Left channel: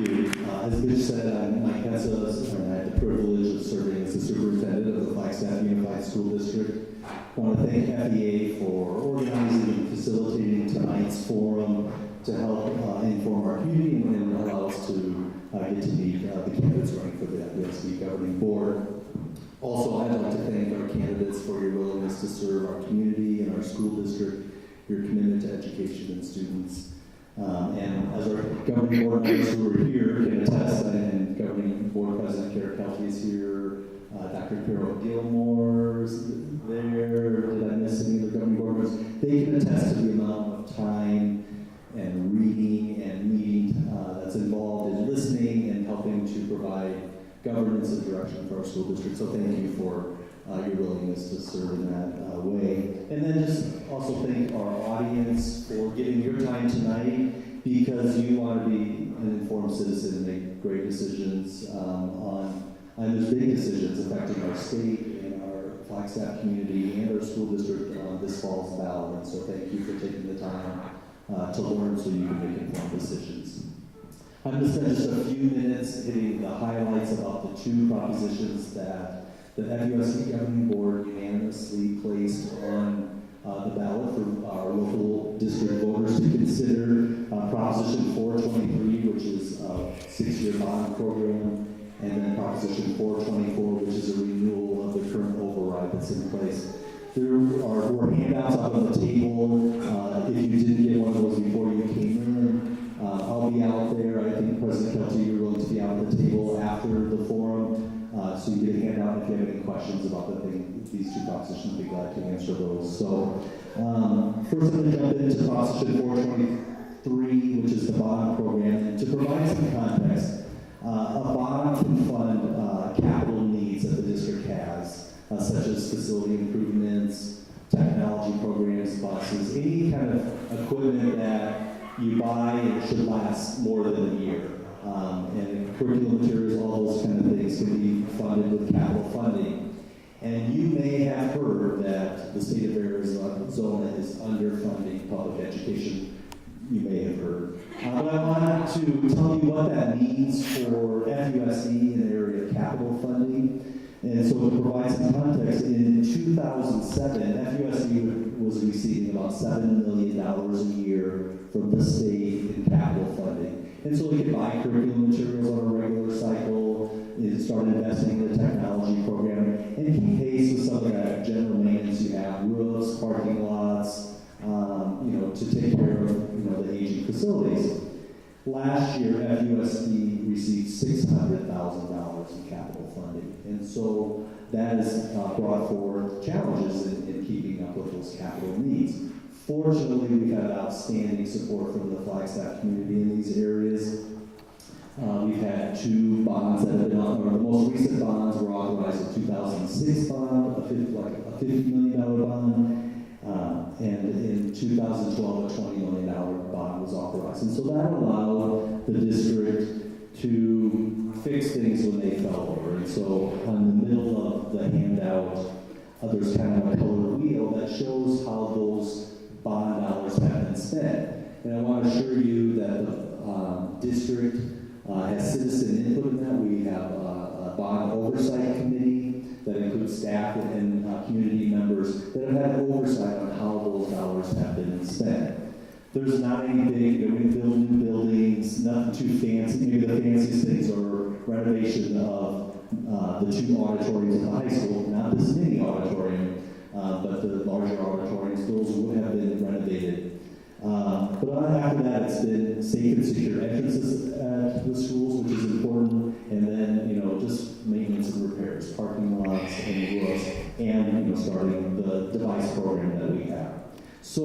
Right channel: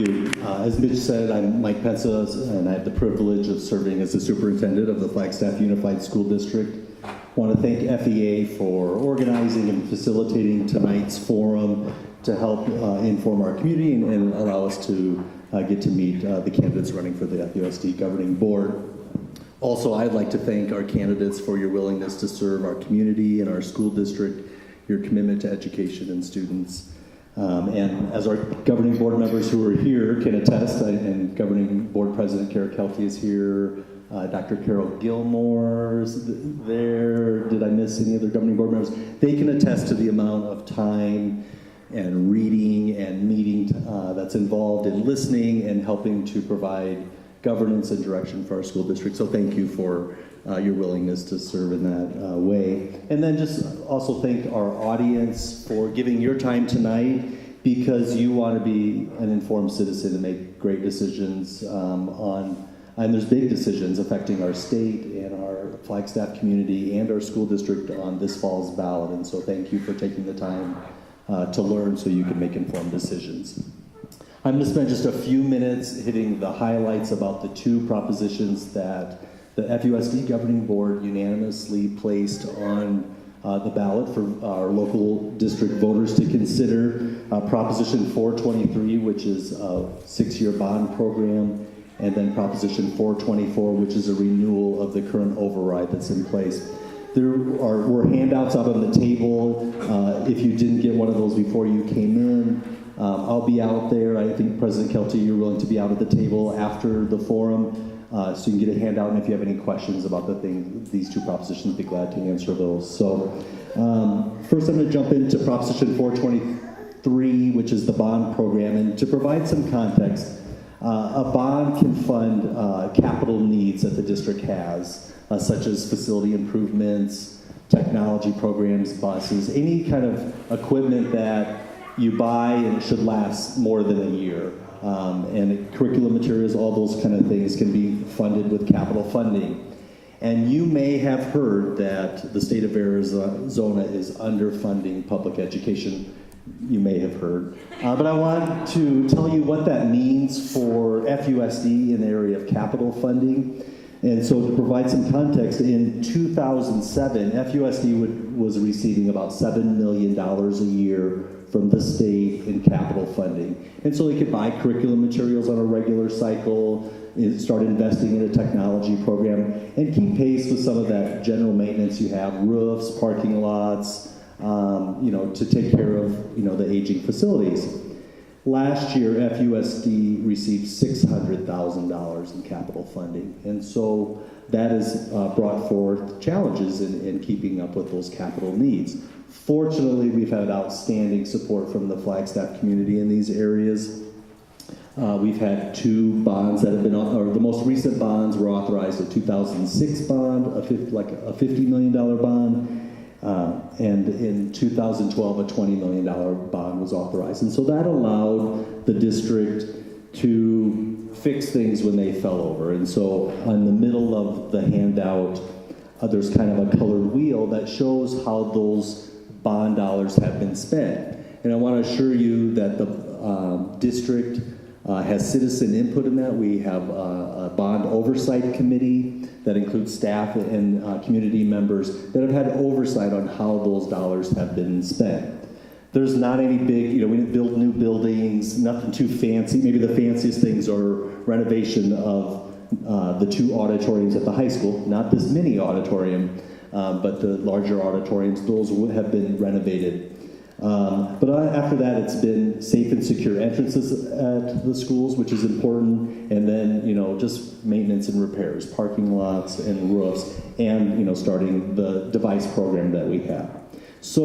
you. As Mitch said, I'm Mike Pensa, and I have the privilege of serving as the superintendent of the Flagstaff Unified School District. I want to thank FEA for organizing and facilitating tonight's forum to help inform our community and allow us to get to meet the candidates running for the FUSD governing board. Also, I'd like to thank our candidates for your willingness to serve our community and our school district, your commitment to education and students. And as our governing board members who are here can attest, and governing board president Carol Haden is here, Dr. Carol Gilmore is there. Did I miss any other governing board members? They can attest to the amount of time and reading and meeting that's involved in listening and helping to provide governance and direction for our school district. So thank you for your willingness to serve in that way. And then just also thank our audience for giving your time tonight, because you want to be an informed citizen and make great decisions and there's big decisions affecting our state and our Flagstaff community and our school district on this fall's ballot. And so thank you for taking the time to learn so you can make informed decisions. I'm going to spend just a few minutes hitting the highlights about the two propositions that the FUSD governing board unanimously placed on the ballot for our local district voters to consider. Proposition 423, which is a 6-year bond program, and then Proposition 424, which is a renewal of the current override that's in place. There were handouts out on the table. If you didn't get one of those before you came in, I'll be out there. I think President Kelty, you're willing to be out at the table after the forum, so you can get a handout. And if you have any questions about these two propositions, I'd be glad to answer those. So first I'm going to jump into Proposition 423, which is the bond program. And to provide some context, a bond can fund capital needs that the district has, such as facility improvements, technology programs, buses, any kind of equipment that you buy and it should last more than a year. And curriculum materials, all those kind of things can be funded with capital funding. And you may have heard that the state of Arizona is underfunding public education. You may have heard. But I want to tell you what that means for FUSD in the area of capital funding. And so to provide some context, in 2007, FUSD was receiving about $7 million a year from the state in capital funding. And so they could buy curriculum materials on a regular cycle, start investing in a technology program, and keep pace with some of that general maintenance you have, roofs, parking lots, to take care of, the aging facilities. Last year, FUSD received $600,000 in capital funding. And so that has brought forth challenges in keeping up with those capital needs. Fortunately, we've had outstanding support from the Flagstaff community in these areas. We've had two bonds that have been, or the most recent bonds were authorized, a 2006 bond, a $50 million bond, and in 2012, a $20 million bond was authorized. And so that allowed the district to fix things when they fell over. And so in the middle of the handout, there's kind of a colored wheel that shows how those bond dollars have been spent. And I want to assure you that the district has citizen input in that. We have a bond oversight committee that includes staff and community members that have had oversight on how those dollars have been spent. There's not any big, we didn't build new buildings, nothing too fancy. Maybe the fanciest things are renovation of the two auditoriums at the high school, not this mini auditorium, but the larger auditoriums, those would have been renovated. But after that, it's been safe and secure entrances at the schools, which is important, and then, just maintenance and repairs, parking lots and roofs, and, starting the device program that we have. So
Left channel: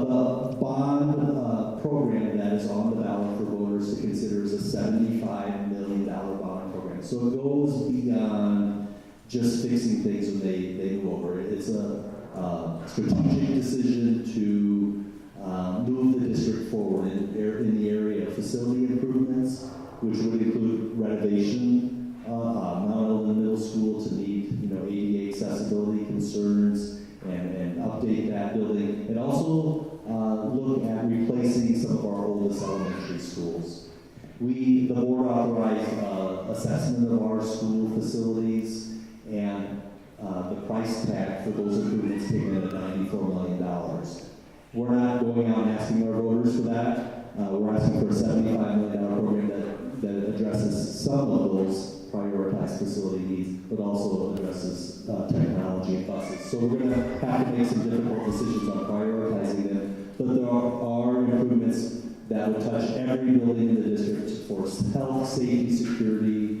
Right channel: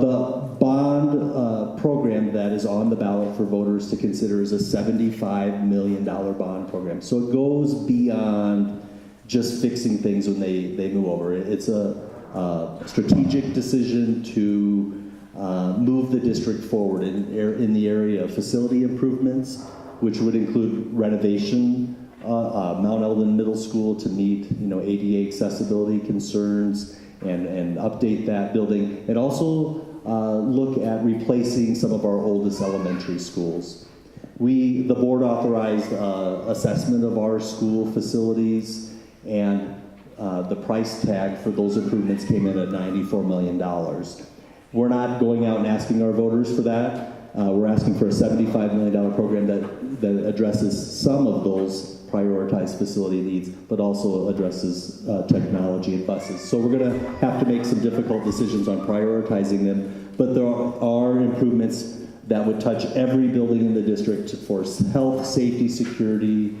the bond program that is on the ballot for voters to consider is a $75 million bond program. So it goes beyond just fixing things when they move over. It's a strategic decision to move the district forward in the area of facility improvements, which would include renovation, Mount Eldon Middle School to meet ADA accessibility concerns and update that building, and also look at replacing some of our oldest elementary schools. The board authorized assessment of our school facilities, and the price tag for those improvements came in at $94 million. We're not going out and asking our voters for that. We're asking for a $75 million program that addresses some of those prioritized facility needs, but also addresses technology and buses. So we're going to have to make some difficult decisions on prioritizing them, but there are improvements that would touch every building in the district for health, safety, security,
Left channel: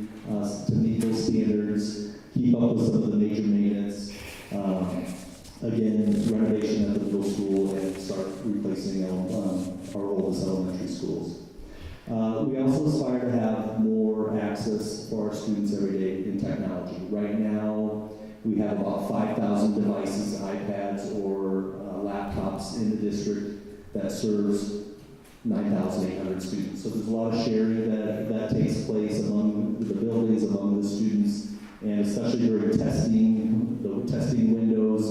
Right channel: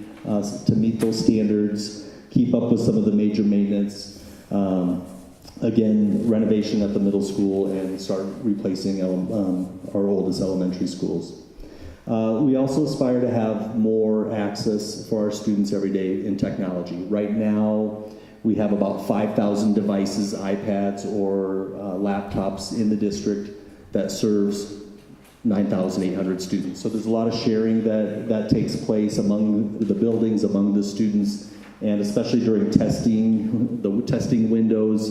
to meet those standards, keep up with some of the major maintenance, again, renovation at the middle school, and start replacing our oldest elementary schools. We also aspire to have more access for our students every day in technology. Right now, we have about 5,000 devices, iPads, or laptops in the district that serves 9,800 students. So there's a lot of sharing that takes place among the buildings, among the students, and especially during testing, the testing windows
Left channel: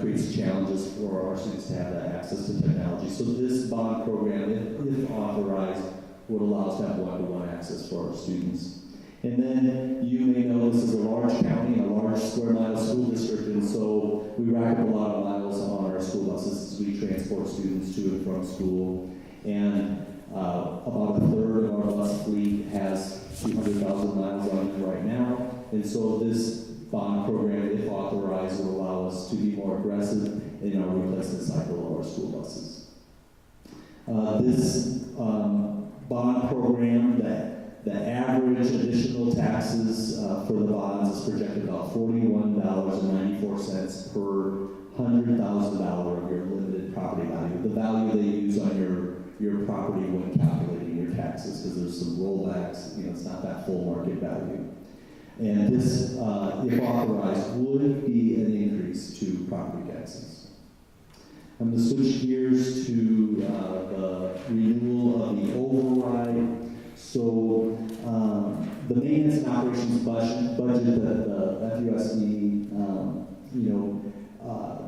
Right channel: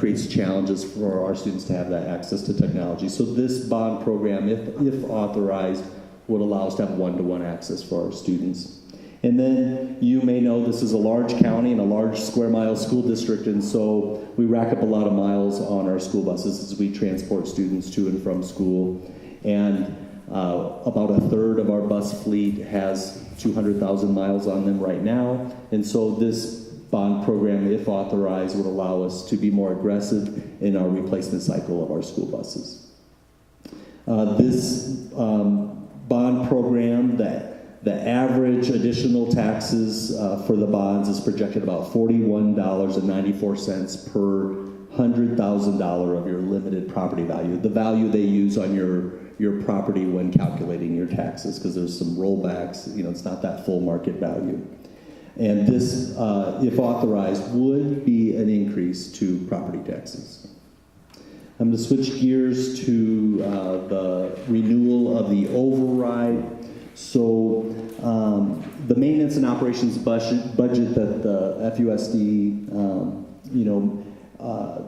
creates challenges for our students to have that access to technology. So this bond program, if authorized, would allow us to have one-to-one access for our students. And then you may know this is a large county and a large square mile school district, and so we rack up a lot of miles on our school buses as we transport students to and from school. And about a third of our bus fleet has 200,000 miles on them right now. And so this bond program, if authorized, would allow us to be more aggressive in our replacement cycle of our school buses. This bond program, the average additional taxes for the bonds is projected about $41.94 per $100,000 of your limited property value, the value they use on your property when calculating your taxes, because there's some rollbacks, it's not that full market value. And this, if authorized, would be an increase to property taxes. I'm going to switch gears to the renewal of the override. So the maintenance and operations budget that the FUSD,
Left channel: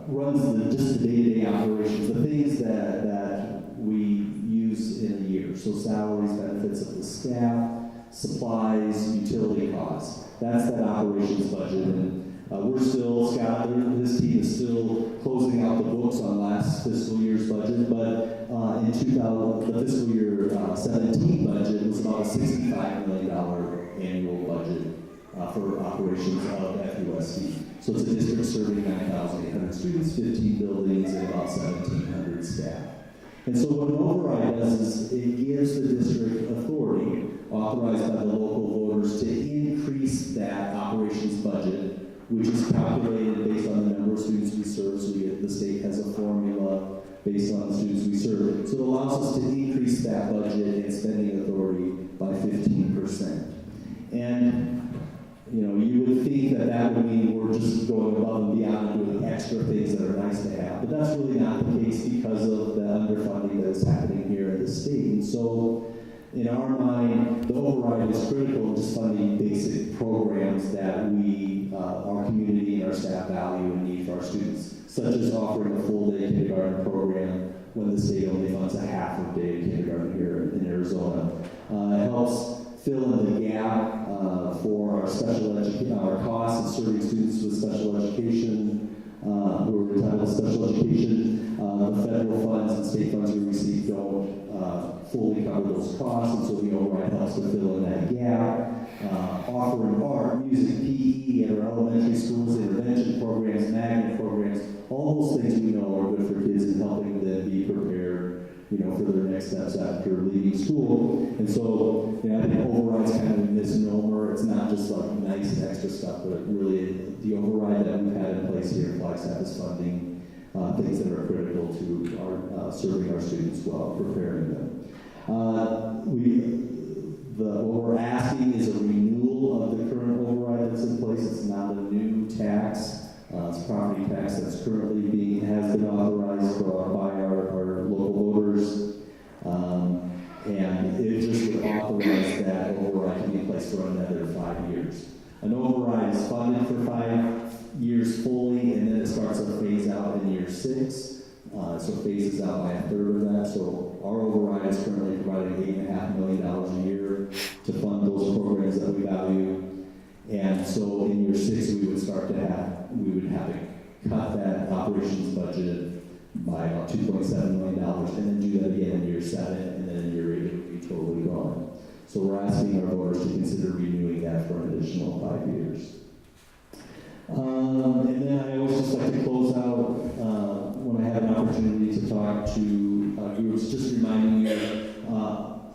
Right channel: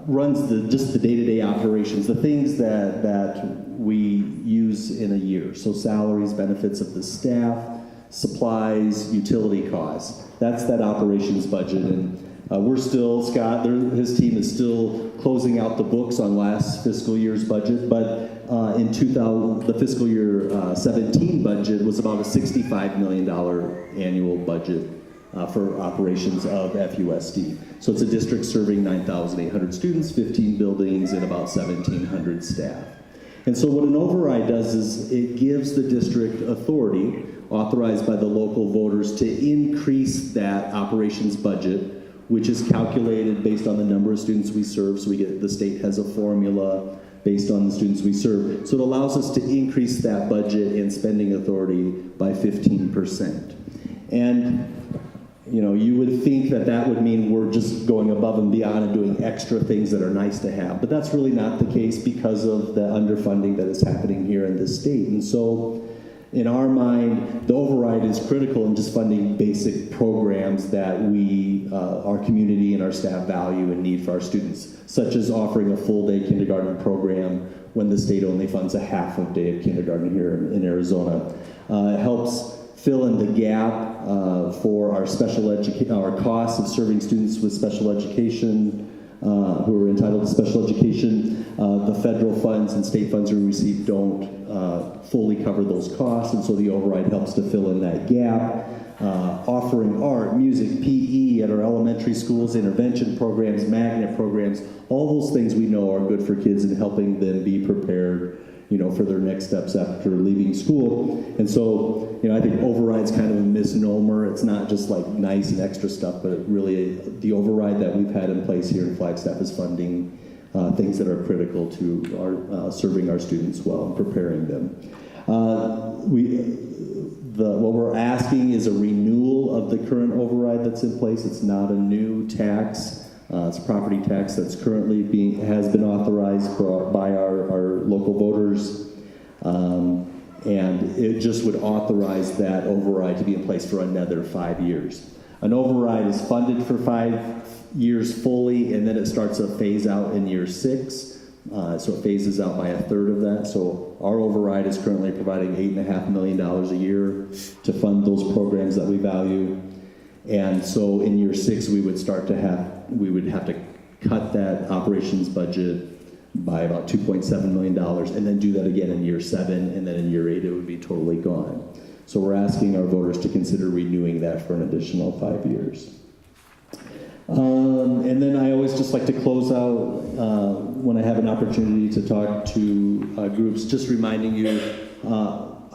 runs just the day-to-day operations, the things that we use in a year. So salaries, benefits of the staff, supplies, utility costs. That's that operations budget. And we're still, Scott, his team is still closing out the books on last fiscal year's budget, but the fiscal year 17 budget was about a $65 million annual budget for operations of FUSD. So it's a district serving 9,800 students, 15 buildings, and about 1,700 staff. And so what an override does is it gives the district authority, authorized by the local voters, to increase that operations budget, which is calculated based on the number of students we serve. So the state has a formula based on the students we serve. So it allows us to increase that budget and spending authority by 15%. And you would think that would mean we're just going above and beyond and doing extra things that are nice to have, but that's really not the case because of the underfunding that is happening here in this state. And so in our mind, the override is critical in just funding basic programs that our community and our staff value and need for our students, such as offering a full-day kindergarten program when the state only funds a half of day of kindergarten here in Arizona. It helps fill in the gap for our costs of serving students with special education, who are entitled to special education. The federal funds and state funds we receive don't fully cover those costs, and so the override helps to fill in that gap. Offering art, music, PE at our elementary schools, intervention programs, magnet programs, all those things we know are good for kids and helping them be prepared for their next steps after leaving school. And so, I think override's kind of a misnomer. It's not just like nice and extra stuff, but really the override that we've had in place here in Flagstaff is funding things that are critical to our serving our students well, preparing them. What we're asking is a renewal of the current override that's in place. It's not a new tax. It's a property tax that's currently has been authorized by our local voters, and it just would authorize that override to be in place for another 5 years. An override is funded for 5 years fully, and then it starts a phase out in year 6. So it phases out by a third of that. So our override is currently providing $8.5 million a year to fund those programs that we value. And so in year 6, we would have to cut that operations budget by about $2.7 million, and then do that again in year 7, and then in year 8 it would be totally gone. So we're asking our voters to consider renewing that for an additional 5 years. And then I always just like to close out when I have an opportunity to talk to groups, just reminding you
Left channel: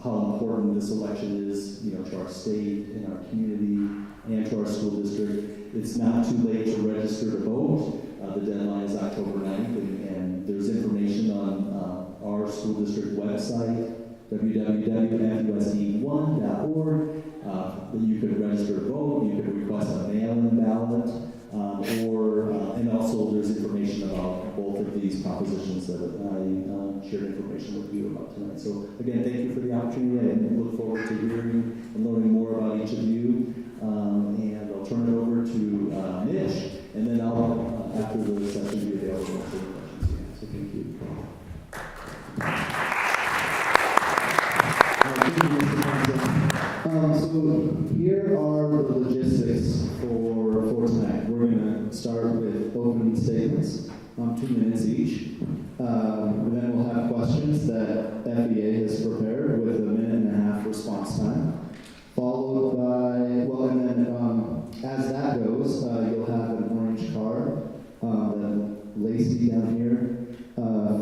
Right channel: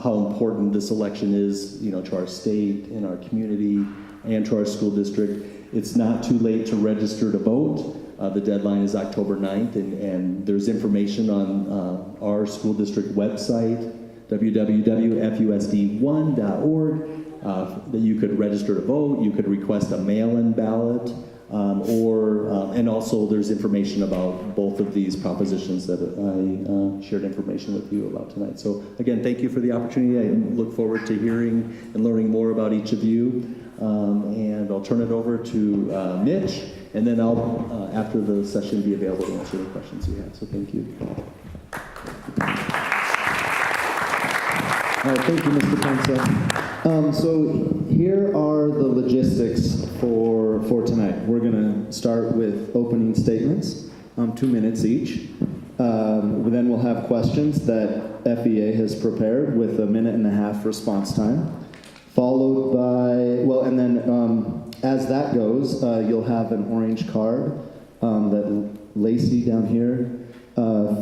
how important this election is, to our state and our community and to our school district. It's not too late to register to vote. The deadline is October 9th, and there's information on our school district website, www.fusd1.org, that you could register to vote. You could request a mail-in ballot, and also there's information about both of these propositions that I shared information with you about tonight. So again, thank you for the opportunity. I look forward to hearing and learning more about each of you. And I'll turn it over to Mitch, and then I'll, after the session, be available to answer any questions you have. So thank you. Thank you, Mr. Council. So here are the logistics for tonight. We're going to start with opening statements, 2 minutes each. Then we'll have questions that FEA has prepared with a 1.5-minute response time, followed by, and then as that goes, you'll have an orange card that Lacey down here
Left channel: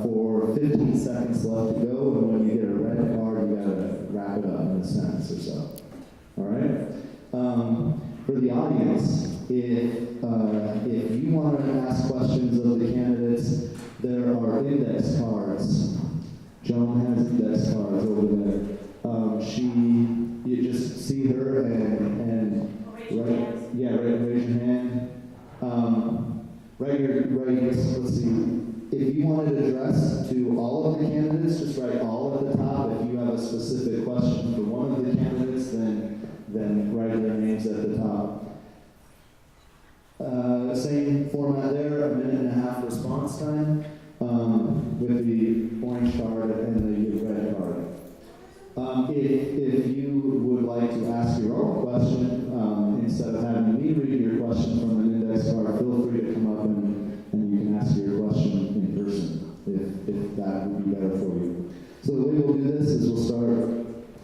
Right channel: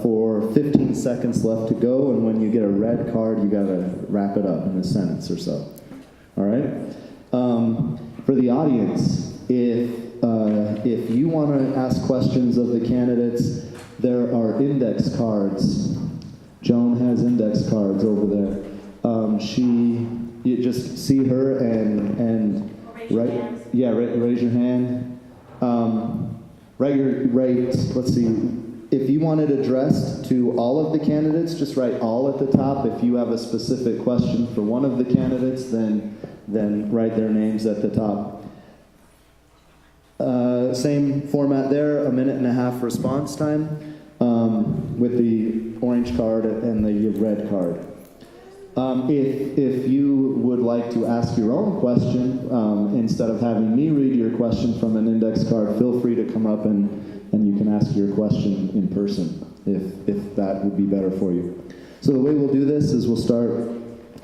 for 15 seconds left to go, and when you get a red card, you got to wrap it up in a sentence or so. All right? For the audience, if you want to ask questions of the candidates, there are index cards. Joan has index cards over there. You just see her and raise your hand. Let's see. If you want it addressed to all of the candidates, just write all at the top. If you have a specific question for one of the candidates, then write their names at the top. Same format there, a 1.5-minute response time with the orange card and the red card. If you would like to ask your own question, instead of having me read your question from an index card, feel free to come up and you can ask your question in person, if that would be better for you. So the way we'll do this is we'll start,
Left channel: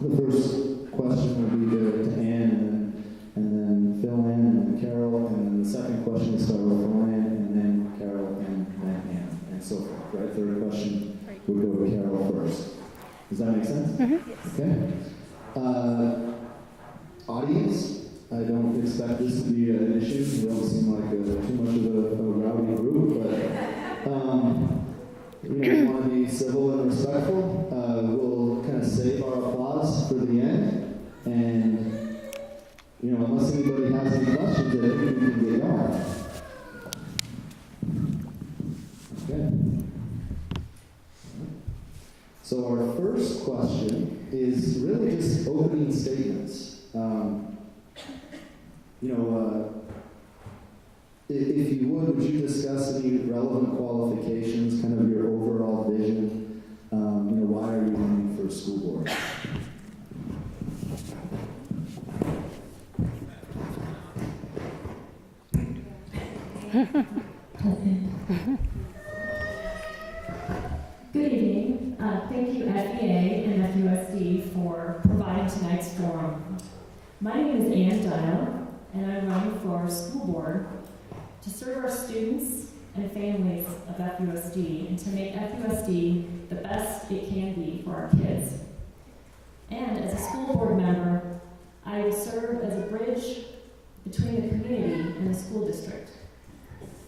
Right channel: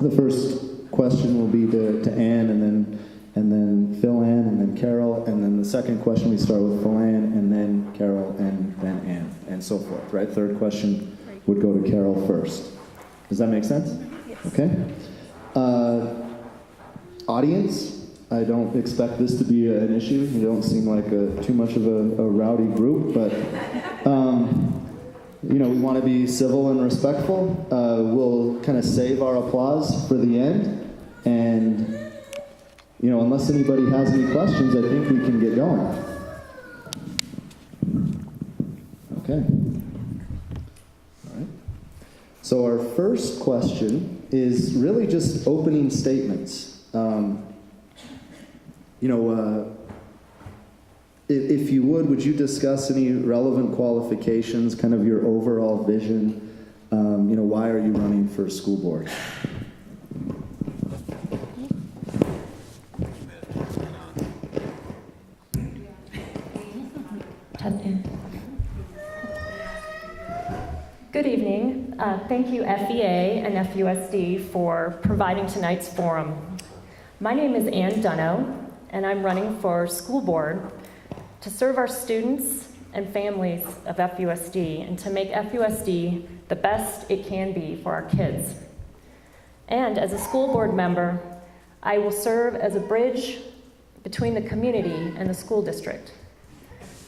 the first question will be to Anne, and then Philan, and then Carol, and then the second question we start with Philan, and then Carol, and then Anne, and so forth, right? Third question would go to Carol first. Does that make sense? Mm-hmm. Yes. Okay. Audience, I don't expect this to be an issue. You don't seem like too much of a rowdy group, but we want to be civil and respectful. We'll kind of save our applause for the end, and unless anybody has any questions, I think we can get going. Okay. So our first question is really just opening statements. If you would you discuss any relevant qualifications, kind of your overall vision? Why are you running for school board? Good evening. Thank you, FEA and FUSD, for providing tonight's forum. My name is Anne Dunno, and I'm running for school board to serve our students and families of FUSD and to make FUSD the best it can be for our kids. And as a school board member, I will serve as a bridge between the community and the school district.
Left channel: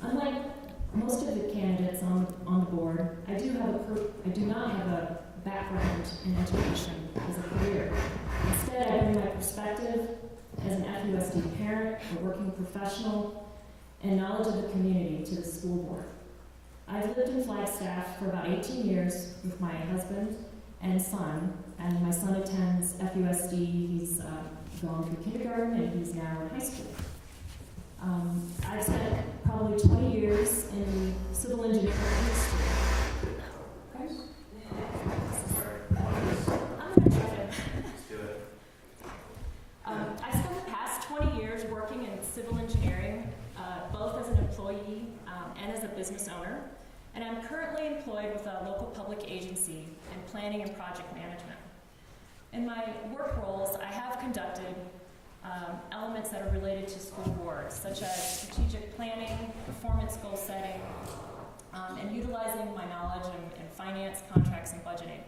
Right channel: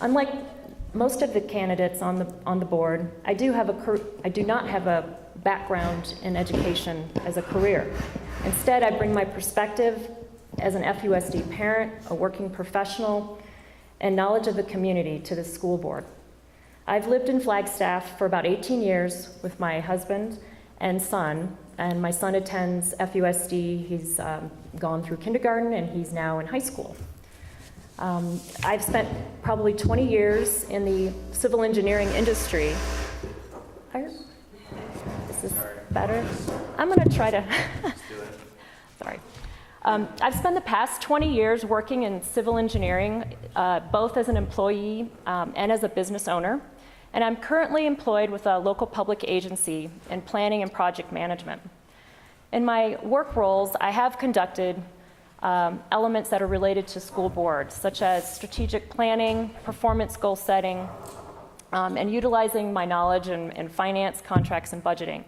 Unlike most of the candidates on the board, I do not have a background in education as a career. Instead, I bring my perspective as an FUSD parent, a working professional, and knowledge of the community to the school board. I've lived in Flagstaff for about 18 years with my husband and son, and my son attends FUSD. He's gone through kindergarten, and he's now in high school. I've spent probably 20 years in the civil engineering industry. better? I'm going to try to. Sorry. I've spent the past 20 years working in civil engineering, both as an employee and as a business owner. And I'm currently employed with a local public agency in planning and project management. In my work roles, I have conducted elements that are related to school boards, such as strategic planning, performance goal setting, and utilizing my knowledge in finance, contracts, and budgeting.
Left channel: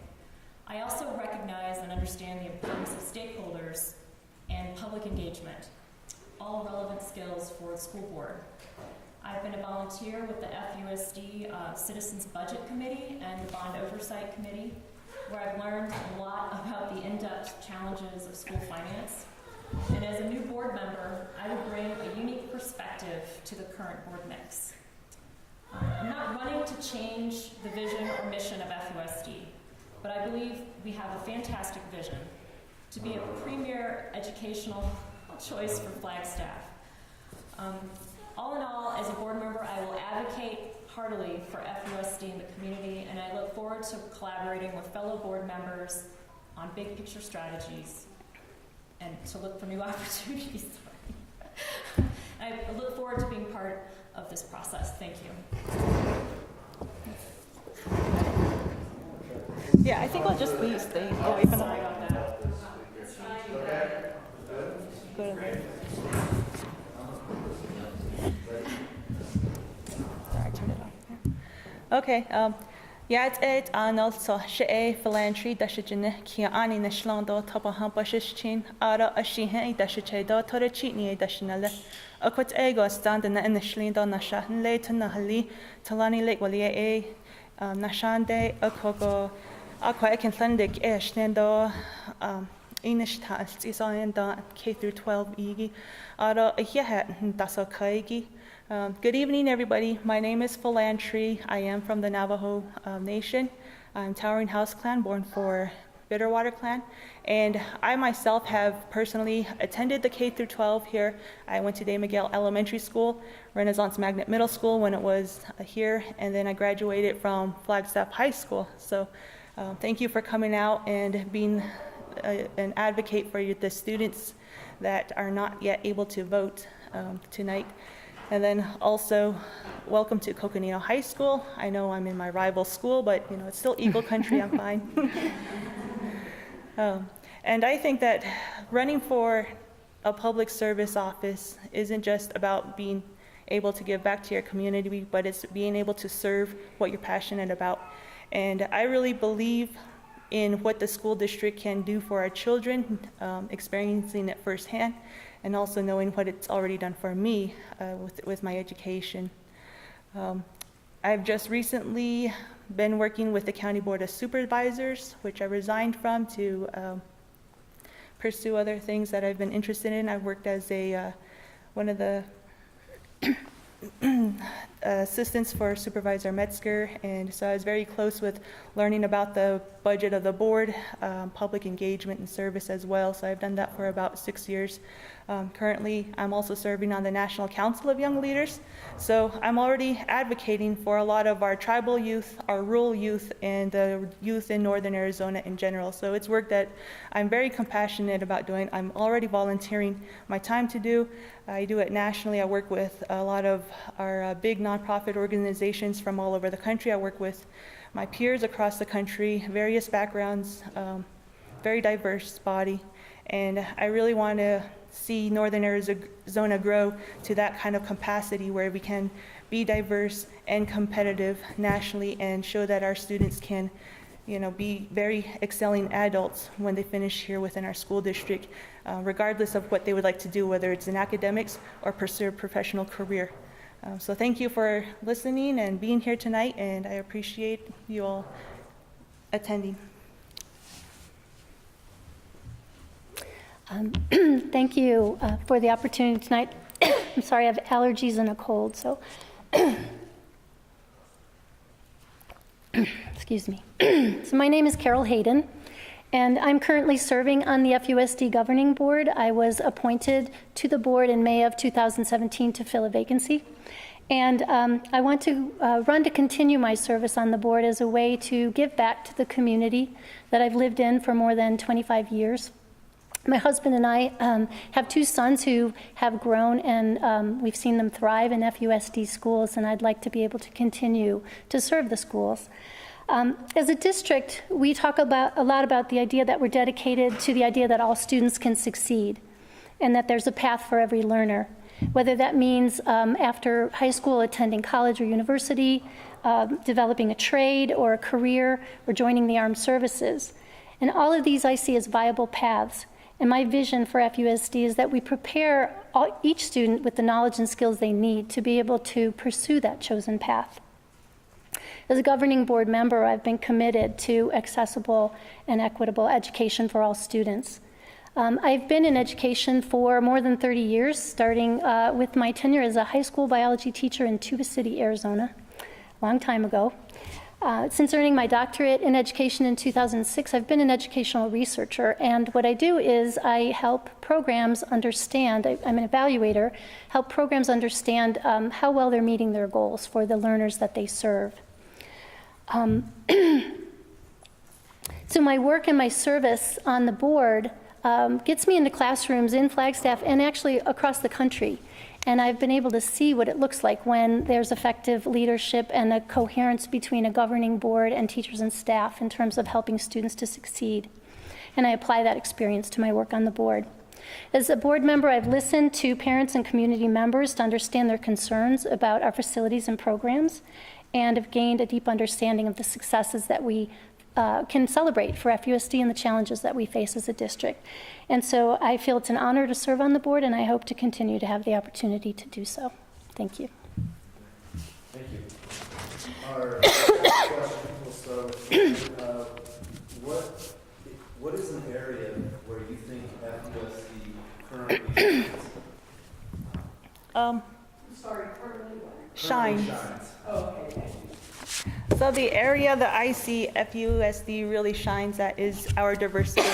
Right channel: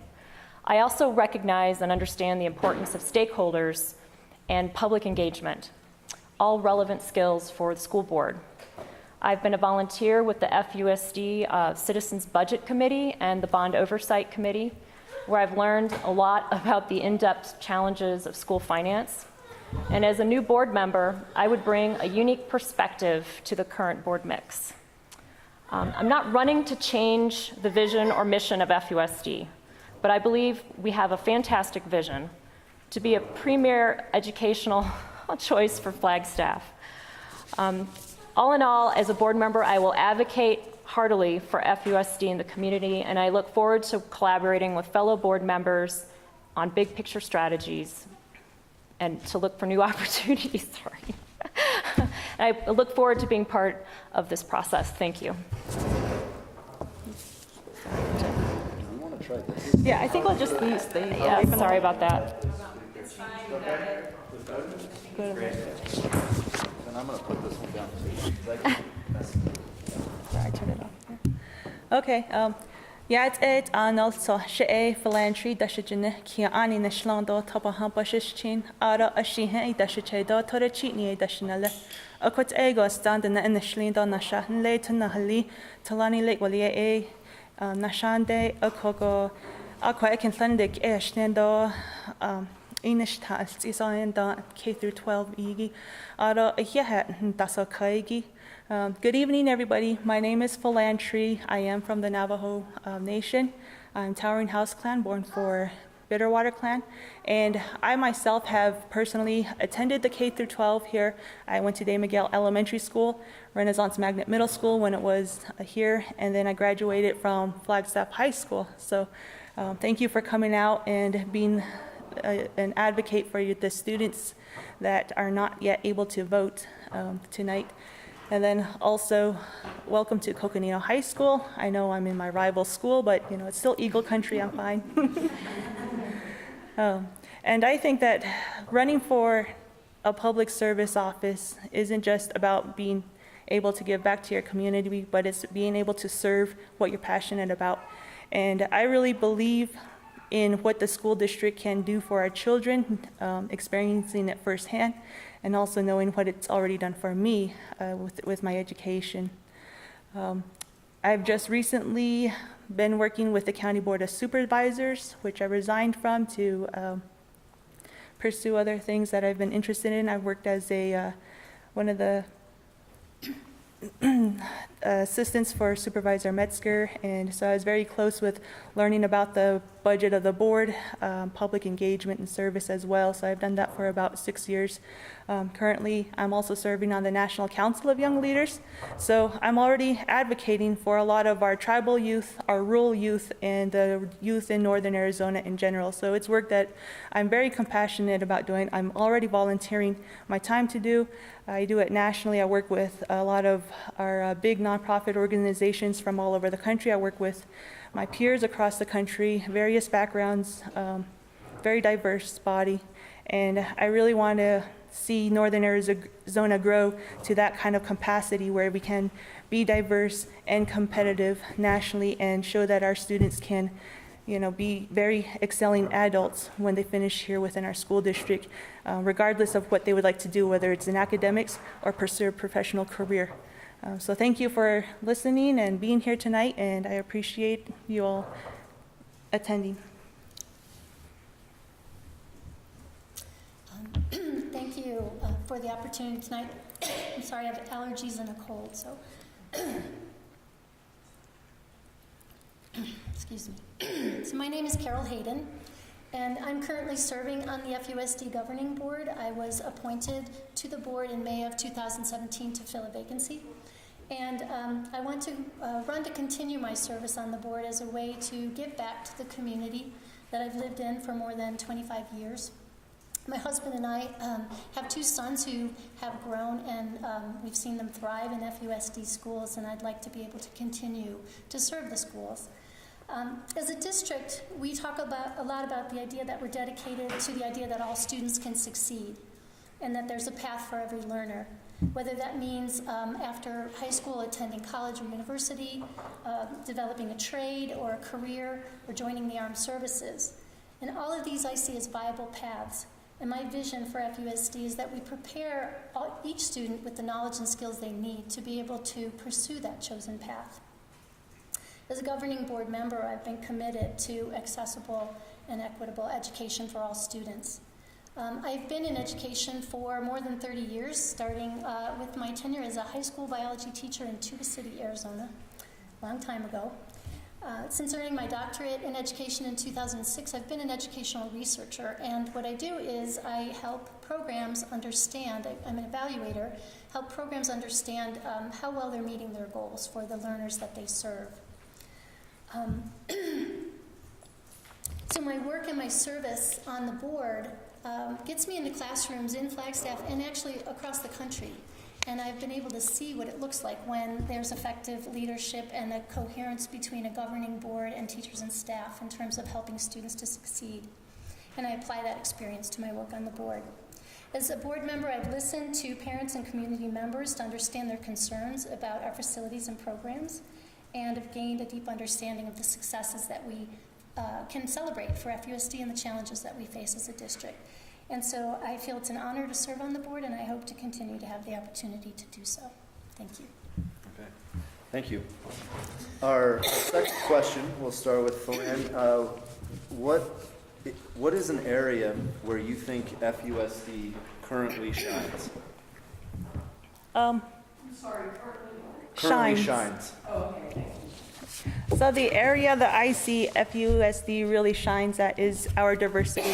I also recognize and understand the importance of stakeholders and public engagement, all relevant skills for the school board. I've been a volunteer with the FUSD Citizens Budget Committee and the Bond Oversight Committee, where I've learned a lot about the in-depth challenges of school finance. And as a new board member, I would bring a unique perspective to the current board mix. I'm not running to change the vision or mission of FUSD, but I believe we have a fantastic vision to be a premier educational choice for Flagstaff. All in all, as a board member, I will advocate heartily for FUSD in the community, and I look forward to collaborating with fellow board members on big picture strategies and to look for new opportunities. Sorry. I look forward to being part of this process. Thank you. Yeah, I think we'll just leave the. Yeah, sorry about that. Go to the. Sorry, I turned it off. There. Okay. Yeah, it's on also she Philan Tree dashijine kia ani nishlando tapa hampashichin ara ashihe dashichedo tora chitni dashinale. Akot ego stand in the nishlindo nashan le tanahali talani lake walie nashande akoko akwa ekinlandik eshnendo Inish tals is on the K through 12 igi ara yahat dasa kaigi. Good evening, everybody. My name is Philan Tree. I am from the Navajo Nation. I'm Towering House Clan, born for Bitterwater Clan, and I myself have personally attended the K through 12 here. I went to Day Miguel Elementary School, Renaissance Magnet Middle School when it was here, and then I graduated from Flagstaff High School. So thank you for coming out and being an advocate for the students that are not yet able to vote tonight. And then also, welcome to Coconino High School. I know I'm in my rival school, but you know it's still Eagle Country. I'm fine. And I think that running for a public service office isn't just about being able to give back to your community, but it's being able to serve what you're passionate about. And I really believe in what the school district can do for our children, experiencing it firsthand, and also knowing what it's already done for me with my education. I've just recently been working with the County Board of Supervisors, which I resigned from to pursue other things that I've been interested in. I've worked as one of the assistants for Supervisor Metzger, and so I was very close with learning about the budget of the board, public engagement and service as well. So I've done that for about 6 years. Currently, I'm also serving on the National Council of Young Leaders. So I'm already advocating for a lot of our tribal youth, our rural youth, and the youth in Northern Arizona in general. So it's work that I'm very compassionate about doing. I'm already volunteering my time to do. I do it nationally. I work with a lot of our big nonprofit organizations from all over the country. I work with my peers across the country, various backgrounds, very diverse body. And I really want to see Northern Arizona grow to that kind of capacity where we can be diverse and competitive nationally and show that our students can, you know, be very excelling adults when they finish here within our school district, regardless of what they would like to do, whether it's in academics or pursue a professional career. So thank you for listening and being here tonight, and I appreciate you all attending. Thank you for the opportunity tonight. I'm sorry, I have allergies and a cold, so excuse me. So my name is Carol Haden, and I'm currently serving on the FUSD Governing Board. I was appointed to the board in May of 2017 to fill a vacancy. And I want to run to continue my service on the board as a way to give back to the community that I've lived in for more than 25 years. My husband and I have 2 sons who have grown, and we've seen them thrive in FUSD schools, and I'd like to be able to continue to serve the schools. As a district, we talk a lot about the idea that we're dedicated to the idea that all students can succeed and that there's a path for every learner, whether that means after high school attending college or university, developing a trade or a career, or joining the armed services. And all of these I see as viable paths. And my vision for FUSD is that we prepare each student with the knowledge and skills they need to be able to pursue that chosen path. As a governing board member, I've been committed to accessible and equitable education for all students. I've been in education for more than 30 years, starting with my tenure as a high school biology teacher in Tuba City, Arizona, a long time ago. Since earning my doctorate in education in 2006, I've been an educational researcher, and what I do is I help programs understand, I'm an evaluator, help programs understand how well they're meeting their goals for the learners that they serve. So my work and my service on the board gets me into classrooms in Flagstaff and actually across the country. And I've been able to see what it looks like when there's effective leadership and a coherence between a governing board and teachers and staff in terms of helping students to succeed. And I apply that experience to my work on the board. As a board member, I've listened to parents and community members to understand their concerns about our facilities and programs, and have gained a deep understanding of the successes that we can celebrate for FUSD and the challenges that we face as a district. And so I feel it's an honor to serve on the board, and I hope to continue to have the opportunity to do so. Thank you. Okay. Thank you. Our second question, we'll start with Philan. What is an area where you think FUSD currently shines? Shines. Oh, okay. So the area that I see FUSD really shines at is our diversity.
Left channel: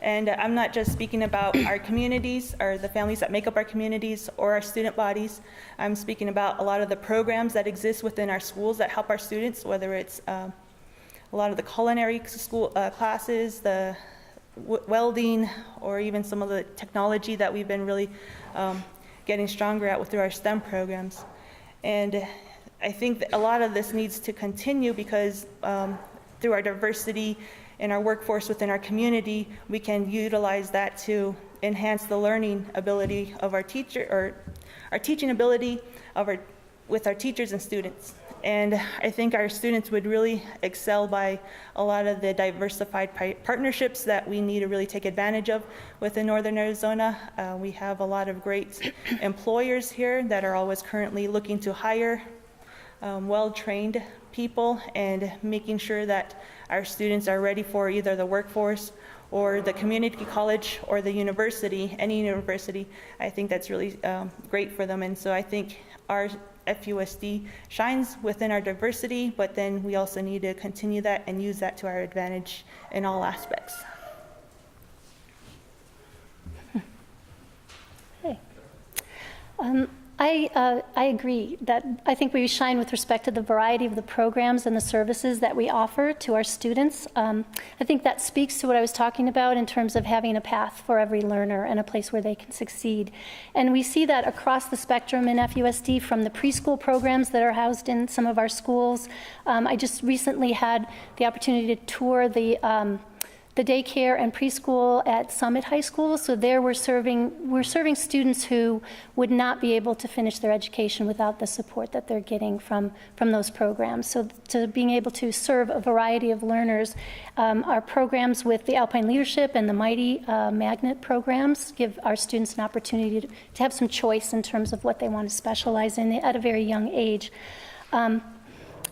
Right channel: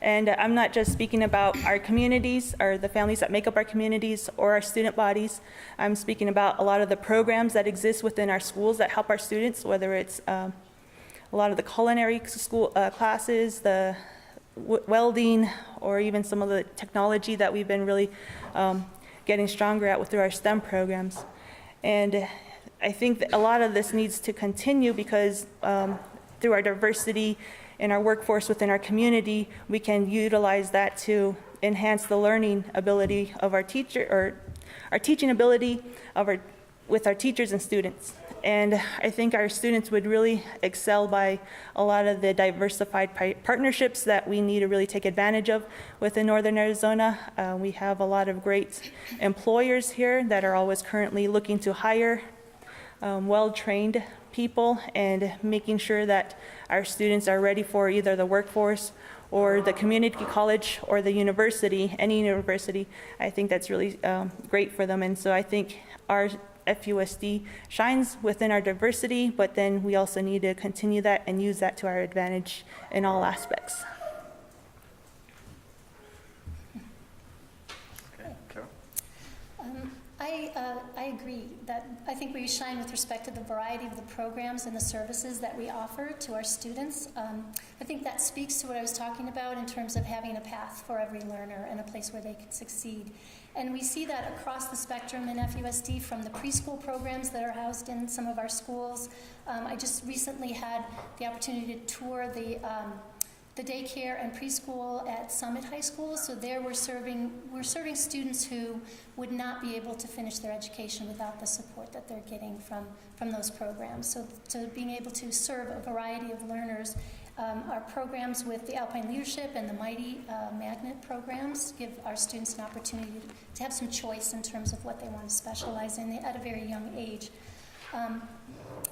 And I'm not just speaking about our communities or the families that make up our communities or our student bodies. I'm speaking about a lot of the programs that exist within our schools that help our students, whether it's a lot of the culinary school classes, the welding, or even some of the technology that we've been really getting stronger at through our STEM programs. And I think that a lot of this needs to continue because through our diversity in our workforce within our community, we can utilize that to enhance the learning ability of our teacher, or our teaching ability with our teachers and students. And I think our students would really excel by a lot of the diversified partnerships that we need to really take advantage of within Northern Arizona. We have a lot of great employers here that are always currently looking to hire well-trained people and making sure that our students are ready for either the workforce or the community college or the university, any university. I think that's really great for them. And so I think our FUSD shines within our diversity, but then we also need to continue that and use that to our advantage in all aspects. Okay. I agree that I think we shine with respect to the variety of the programs and the services that we offer to our students. I think that speaks to what I was talking about in terms of having a path for every learner and a place where they can succeed. And we see that across the spectrum in FUSD, from the preschool programs that are housed in some of our schools. I just recently had the opportunity to tour the daycare and preschool at Summit High School. So there we're serving students who would not be able to finish their education without the support that they're getting from those programs. So to being able to serve a variety of learners, our programs with the Alpine Leadership and the Mighty Magnet programs give our students an opportunity to have some choice in terms of what they want to specialize in at a very young age.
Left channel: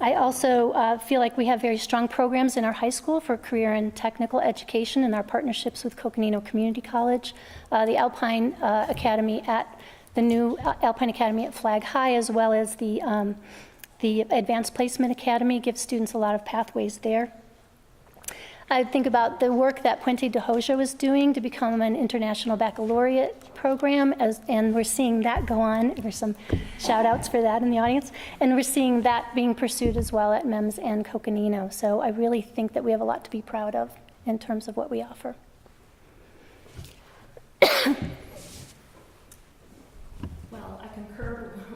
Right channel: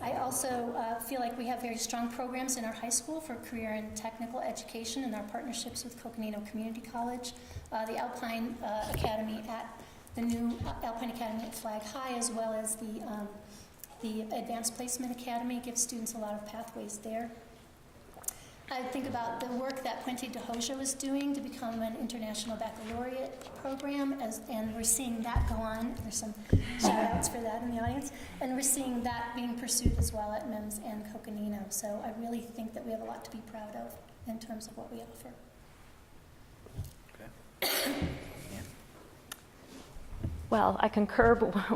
I also feel like we have very strong programs in our high school for career and technical education in our partnerships with Coconino Community College, the Alpine Academy at the new Alpine Academy at Flag High, as well as the Advanced Placement Academy gives students a lot of pathways there. I think about the work that Puente de Hoja was doing to become an international baccalaureate program, and we're seeing that go on. There's some shout outs for that in the audience. And we're seeing that being pursued as well at MEMS and Coconino. So I really think that we have a lot to be proud of in terms of what we offer. Well, I concur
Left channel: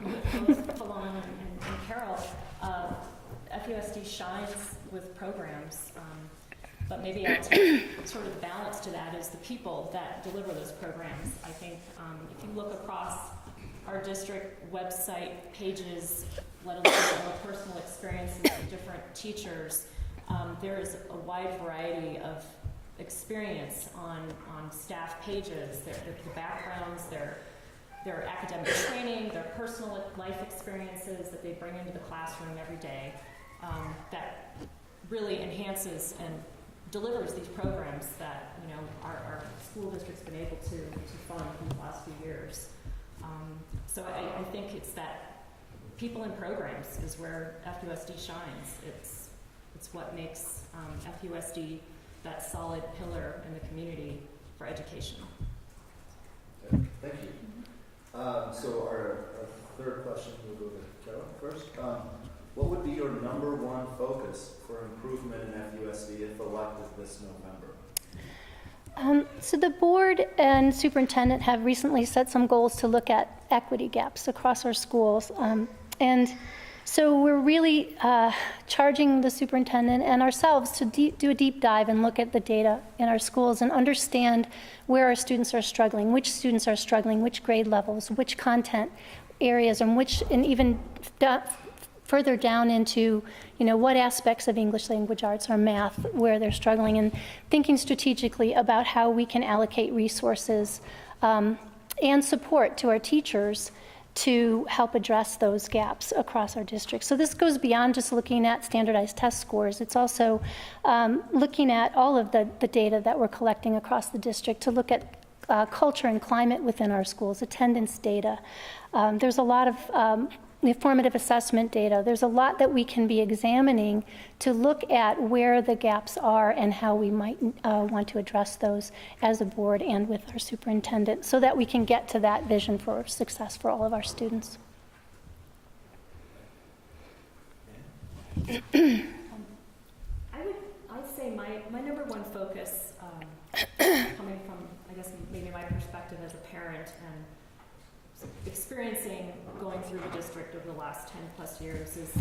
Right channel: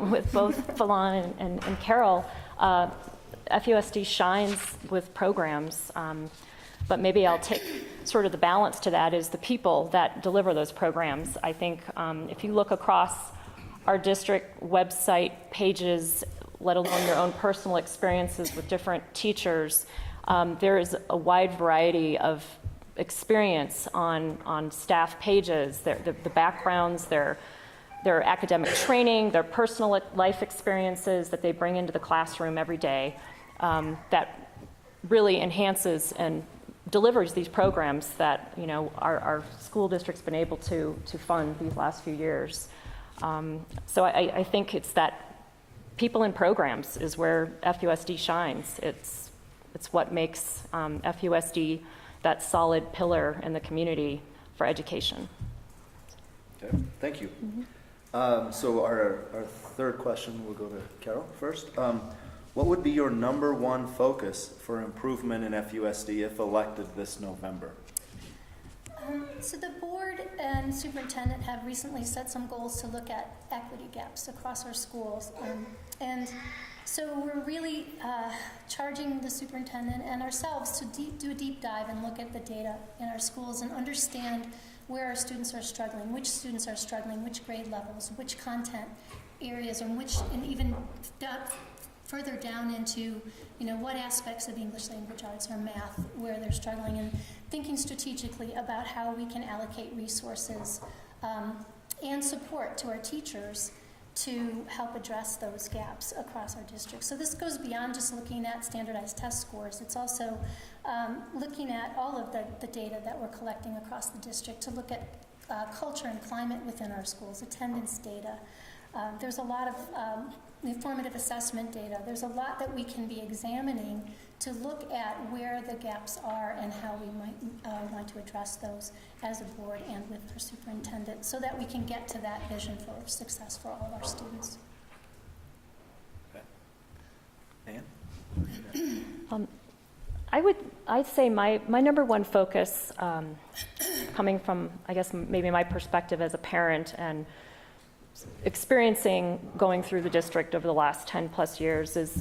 with both Philan and Carol. FUSD shines with programs, but maybe I'll take sort of the balance to that is the people that deliver those programs. I think if you look across our district website pages, let alone your own personal experiences with different teachers, there is a wide variety of experience on staff pages, the backgrounds, their academic training, their personal life experiences that they bring into the classroom every day, that really enhances and delivers these programs that our school district's been able to fund these last few years. So I think it's that people in programs is where FUSD shines. It's what makes FUSD that solid pillar in the community for education. Okay, thank you. So our third question, we'll go to Carol first. What would be your number one focus for improvement in FUSD if elected this November? So the board and superintendent have recently set some goals to look at equity gaps across our schools. And so we're really charging the superintendent and ourselves to do a deep dive and look at the data in our schools and understand where our students are struggling, which students are struggling, which grade levels, which content areas, and even further down into what aspects of English language arts or math where they're struggling, and thinking strategically about how we can allocate resources and support to our teachers to help address those gaps across our district. So this goes beyond just looking at standardized test scores. It's also looking at all of the data that we're collecting across the district to look at culture and climate within our schools, attendance data. There's a lot of formative assessment data. There's a lot that we can be examining to look at where the gaps are and how we might want to address those as a board and with our superintendent so that we can get to that vision for success for all of our students. Anne? I'd say my number one focus, coming from, I guess, maybe my perspective as a parent and experiencing going through the district over the last 10 plus years is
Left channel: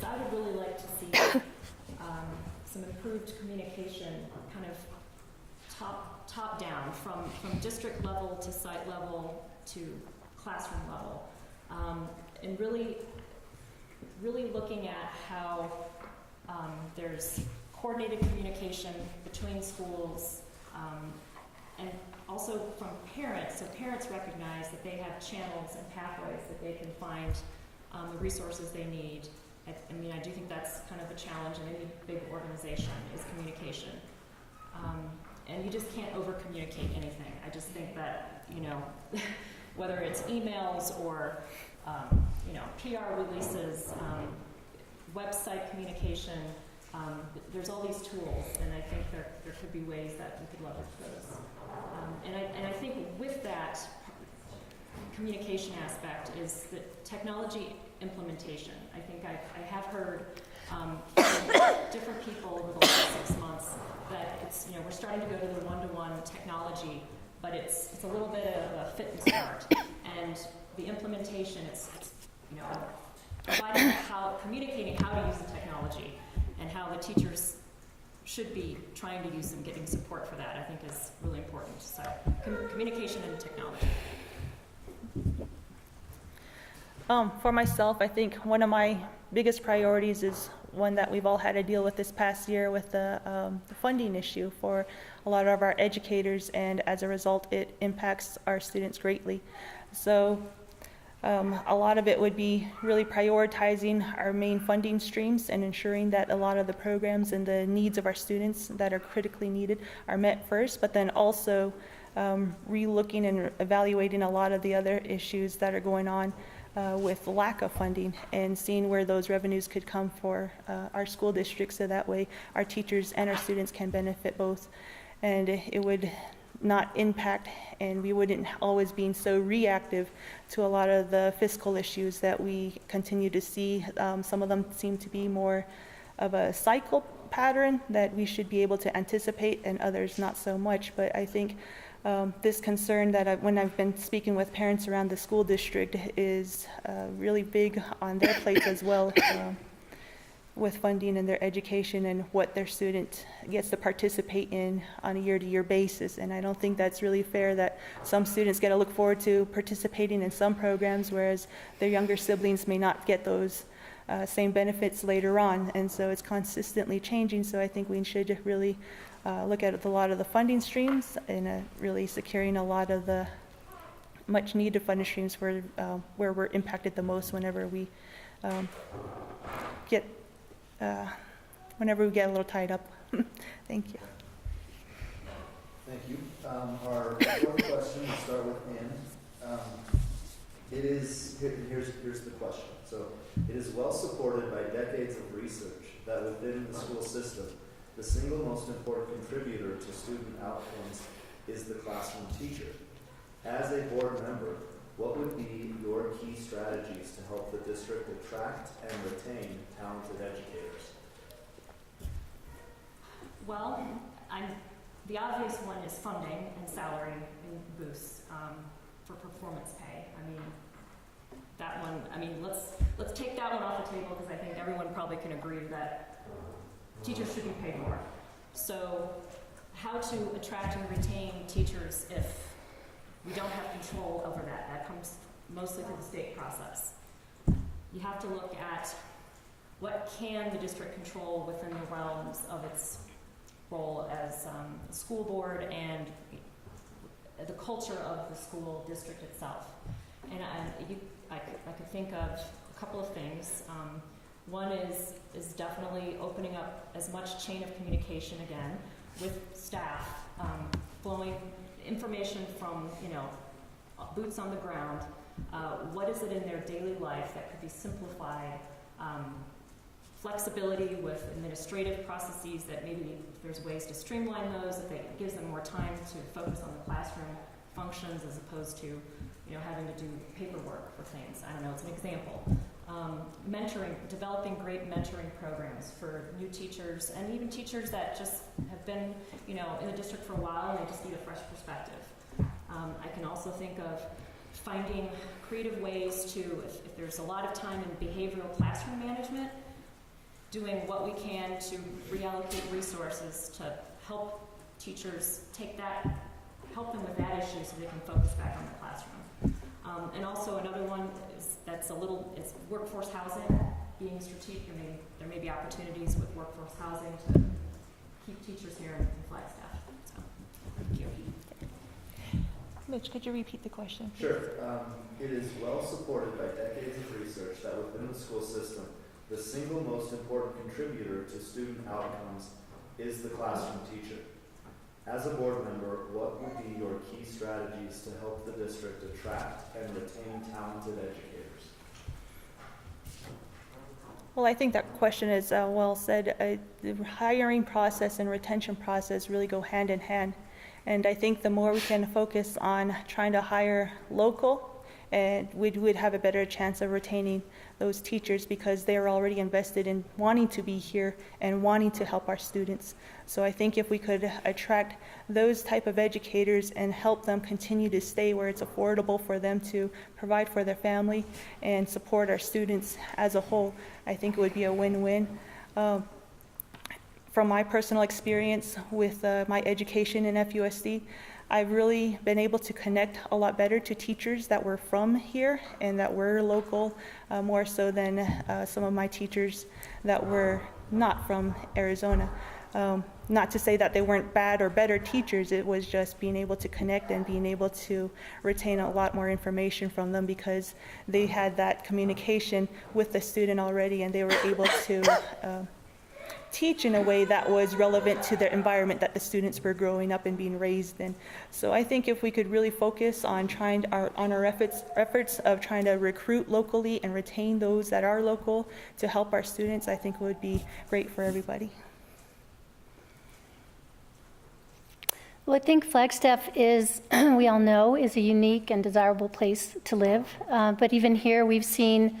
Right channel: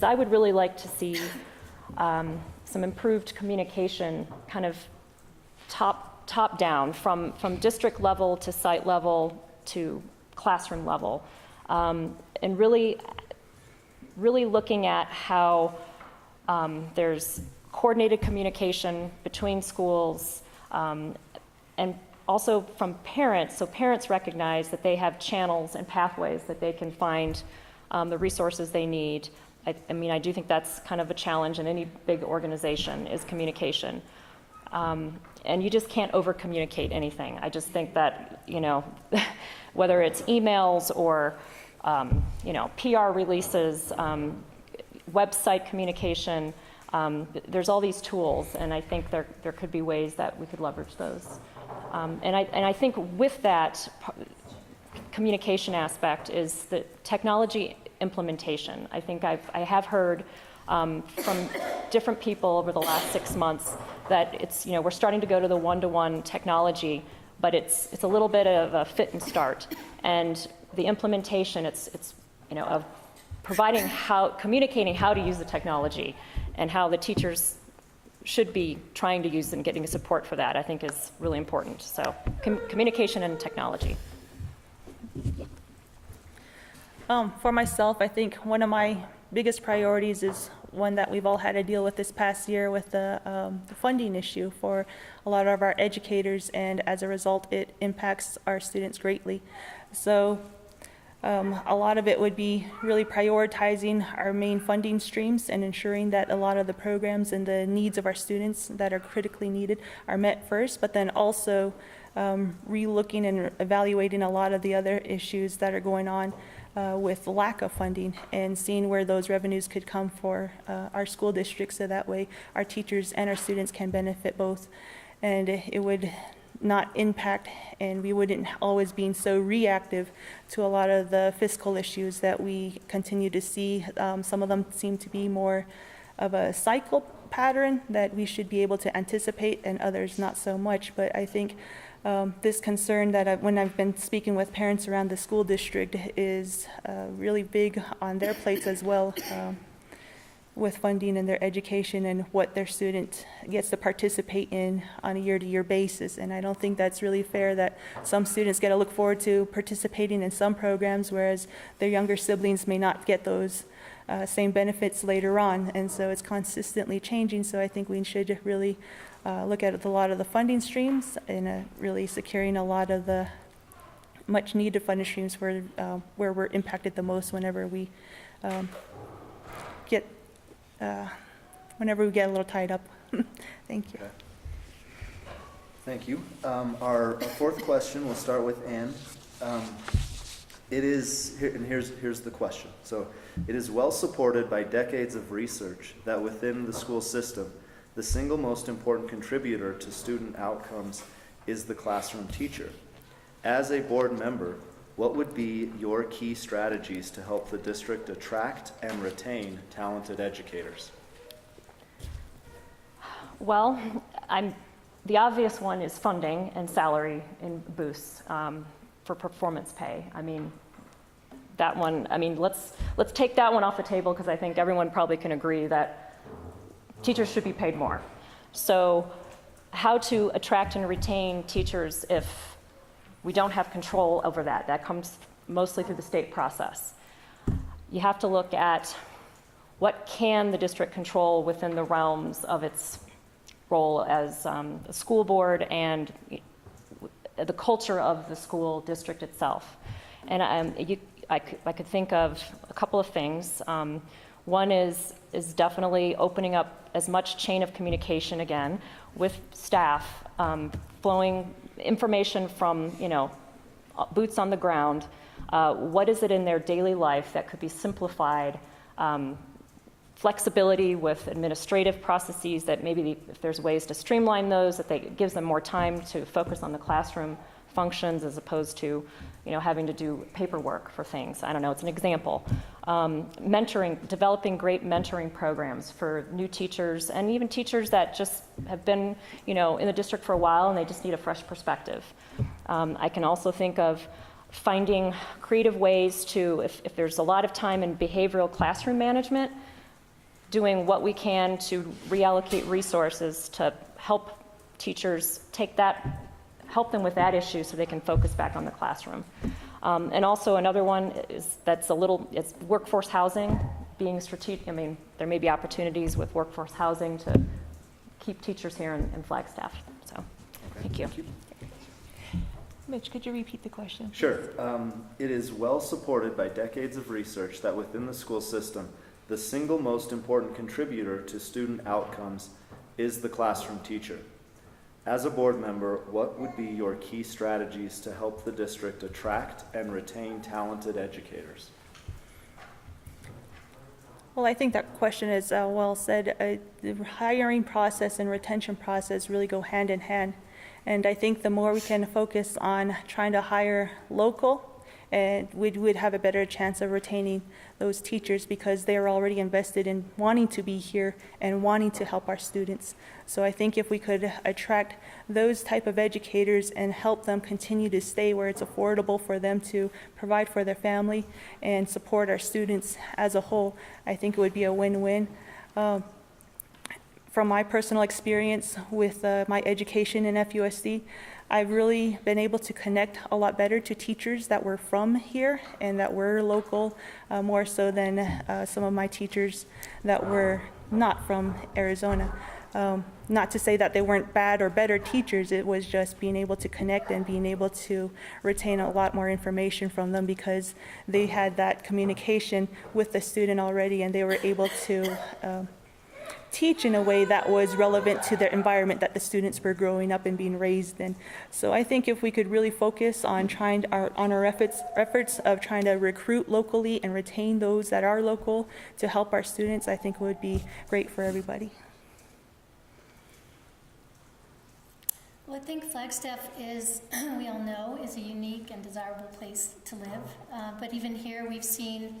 I would really like to see some improved communication kind of top down from district level to site level to classroom level, and really looking at how there's coordinated communication between schools, and also from parents, so parents recognize that they have channels and pathways that they can find the resources they need. I mean, I do think that's kind of a challenge in any big organization is communication. And you just can't over-communicate anything. I just think that, whether it's emails or, PR releases, website communication, there's all these tools, and I think there could be ways that we could leverage those. And I think with that communication aspect is the technology implementation. I think I have heard from different people over the last 6 months that it's, we're starting to go to the one-to-one technology, but it's a little bit of a fit and start. And the implementation, it's of communicating how to use the technology and how the teachers should be trying to use and getting support for that, I think is really important. So communication and technology. For myself, I think one of my biggest priorities is one that we've all had to deal with this past year with the funding issue for a lot of our educators, and as a result, it impacts our students greatly. So a lot of it would be really prioritizing our main funding streams and ensuring that a lot of the programs and the needs of our students that are critically needed are met first, but then also re-looking and evaluating a lot of the other issues that are going on with lack of funding, and seeing where those revenues could come for our school district, so that way our teachers and our students can benefit both. And it would not impact, and we wouldn't always be so reactive to a lot of the fiscal issues that we continue to see. Some of them seem to be more of a cycle pattern that we should be able to anticipate, and others not so much. But I think this concern that when I've been speaking with parents around the school district is really big on their plates as well, with funding in their education and what their student gets to participate in on a year-to-year basis. And I don't think that's really fair that some students get to look forward to participating in some programs, whereas their younger siblings may not get those same benefits later on. And so it's consistently changing. So I think we should really look at a lot of the funding streams and really securing a lot of the much needed funding streams where we're impacted the most whenever we get a little tied up. Thank you. Thank you. Our fourth question, we'll start with Anne. Here's the question. So, it is well supported by decades of research that within the school system, the single most important contributor to student outcomes is the classroom teacher. As a board member, what would be your key strategies to help the district attract and retain talented educators? Well, the obvious one is funding and salary and boosts for performance pay. I mean, that one, let's take that one off the table, because I think everyone probably can agree that teachers should be paid more. So how to attract and retain teachers if we don't have control over that? That comes mostly through the state process. You have to look at what can the district control within the realms of its role as a school board and the culture of the school district itself. And I could think of a couple of things. One is definitely opening up as much chain of communication again with staff, flowing information from, boots on the ground. What is it in their daily life that could be simplified? Flexibility with administrative processes that maybe if there's ways to streamline those, that it gives them more time to focus on the classroom functions as opposed to, having to do paperwork for things. I don't know, it's an example. Mentoring, developing great mentoring programs for new teachers and even teachers that just have been, in the district for a while and they just need a fresh perspective. I can also think of finding creative ways to, if there's a lot of time in behavioral classroom management, doing what we can to reallocate resources to help teachers help them with that issue so they can focus back on the classroom. And also another one is it's workforce housing, being strategic. There may be opportunities with workforce housing to keep teachers here in Flagstaff. So, thank you. Mitch, could you repeat the question? Sure. It is well supported by decades of research that within the school system, the single most important contributor to student outcomes is the classroom teacher. As a board member, what would be your key strategies to help the district attract and retain talented educators? Well, I think that question is well said. The hiring process and retention process really go hand in hand. And I think the more we can focus on trying to hire local, and we would have a better chance of retaining those teachers because they are already invested in wanting to be here and wanting to help our students. So I think if we could attract those type of educators and help them continue to stay where it's affordable for them to provide for their family and support our students as a whole, I think it would be a win-win. From my personal experience with my education in FUSD, I've really been able to connect a lot better to teachers that were from here and that were local, more so than some of my teachers that were not from Arizona. Not to say that they weren't bad or better teachers, it was just being able to connect and being able to retain a lot more information from them because they had that communication with the student already and they were able to teach in a way that was relevant to the environment that the students were growing up and being raised in. So I think if we could really focus on our efforts of trying to recruit locally and retain those that are local to help our students, I think it would be great for everybody. Well, I think Flagstaff is, we all know, is a unique and desirable place to live. But even here, we've seen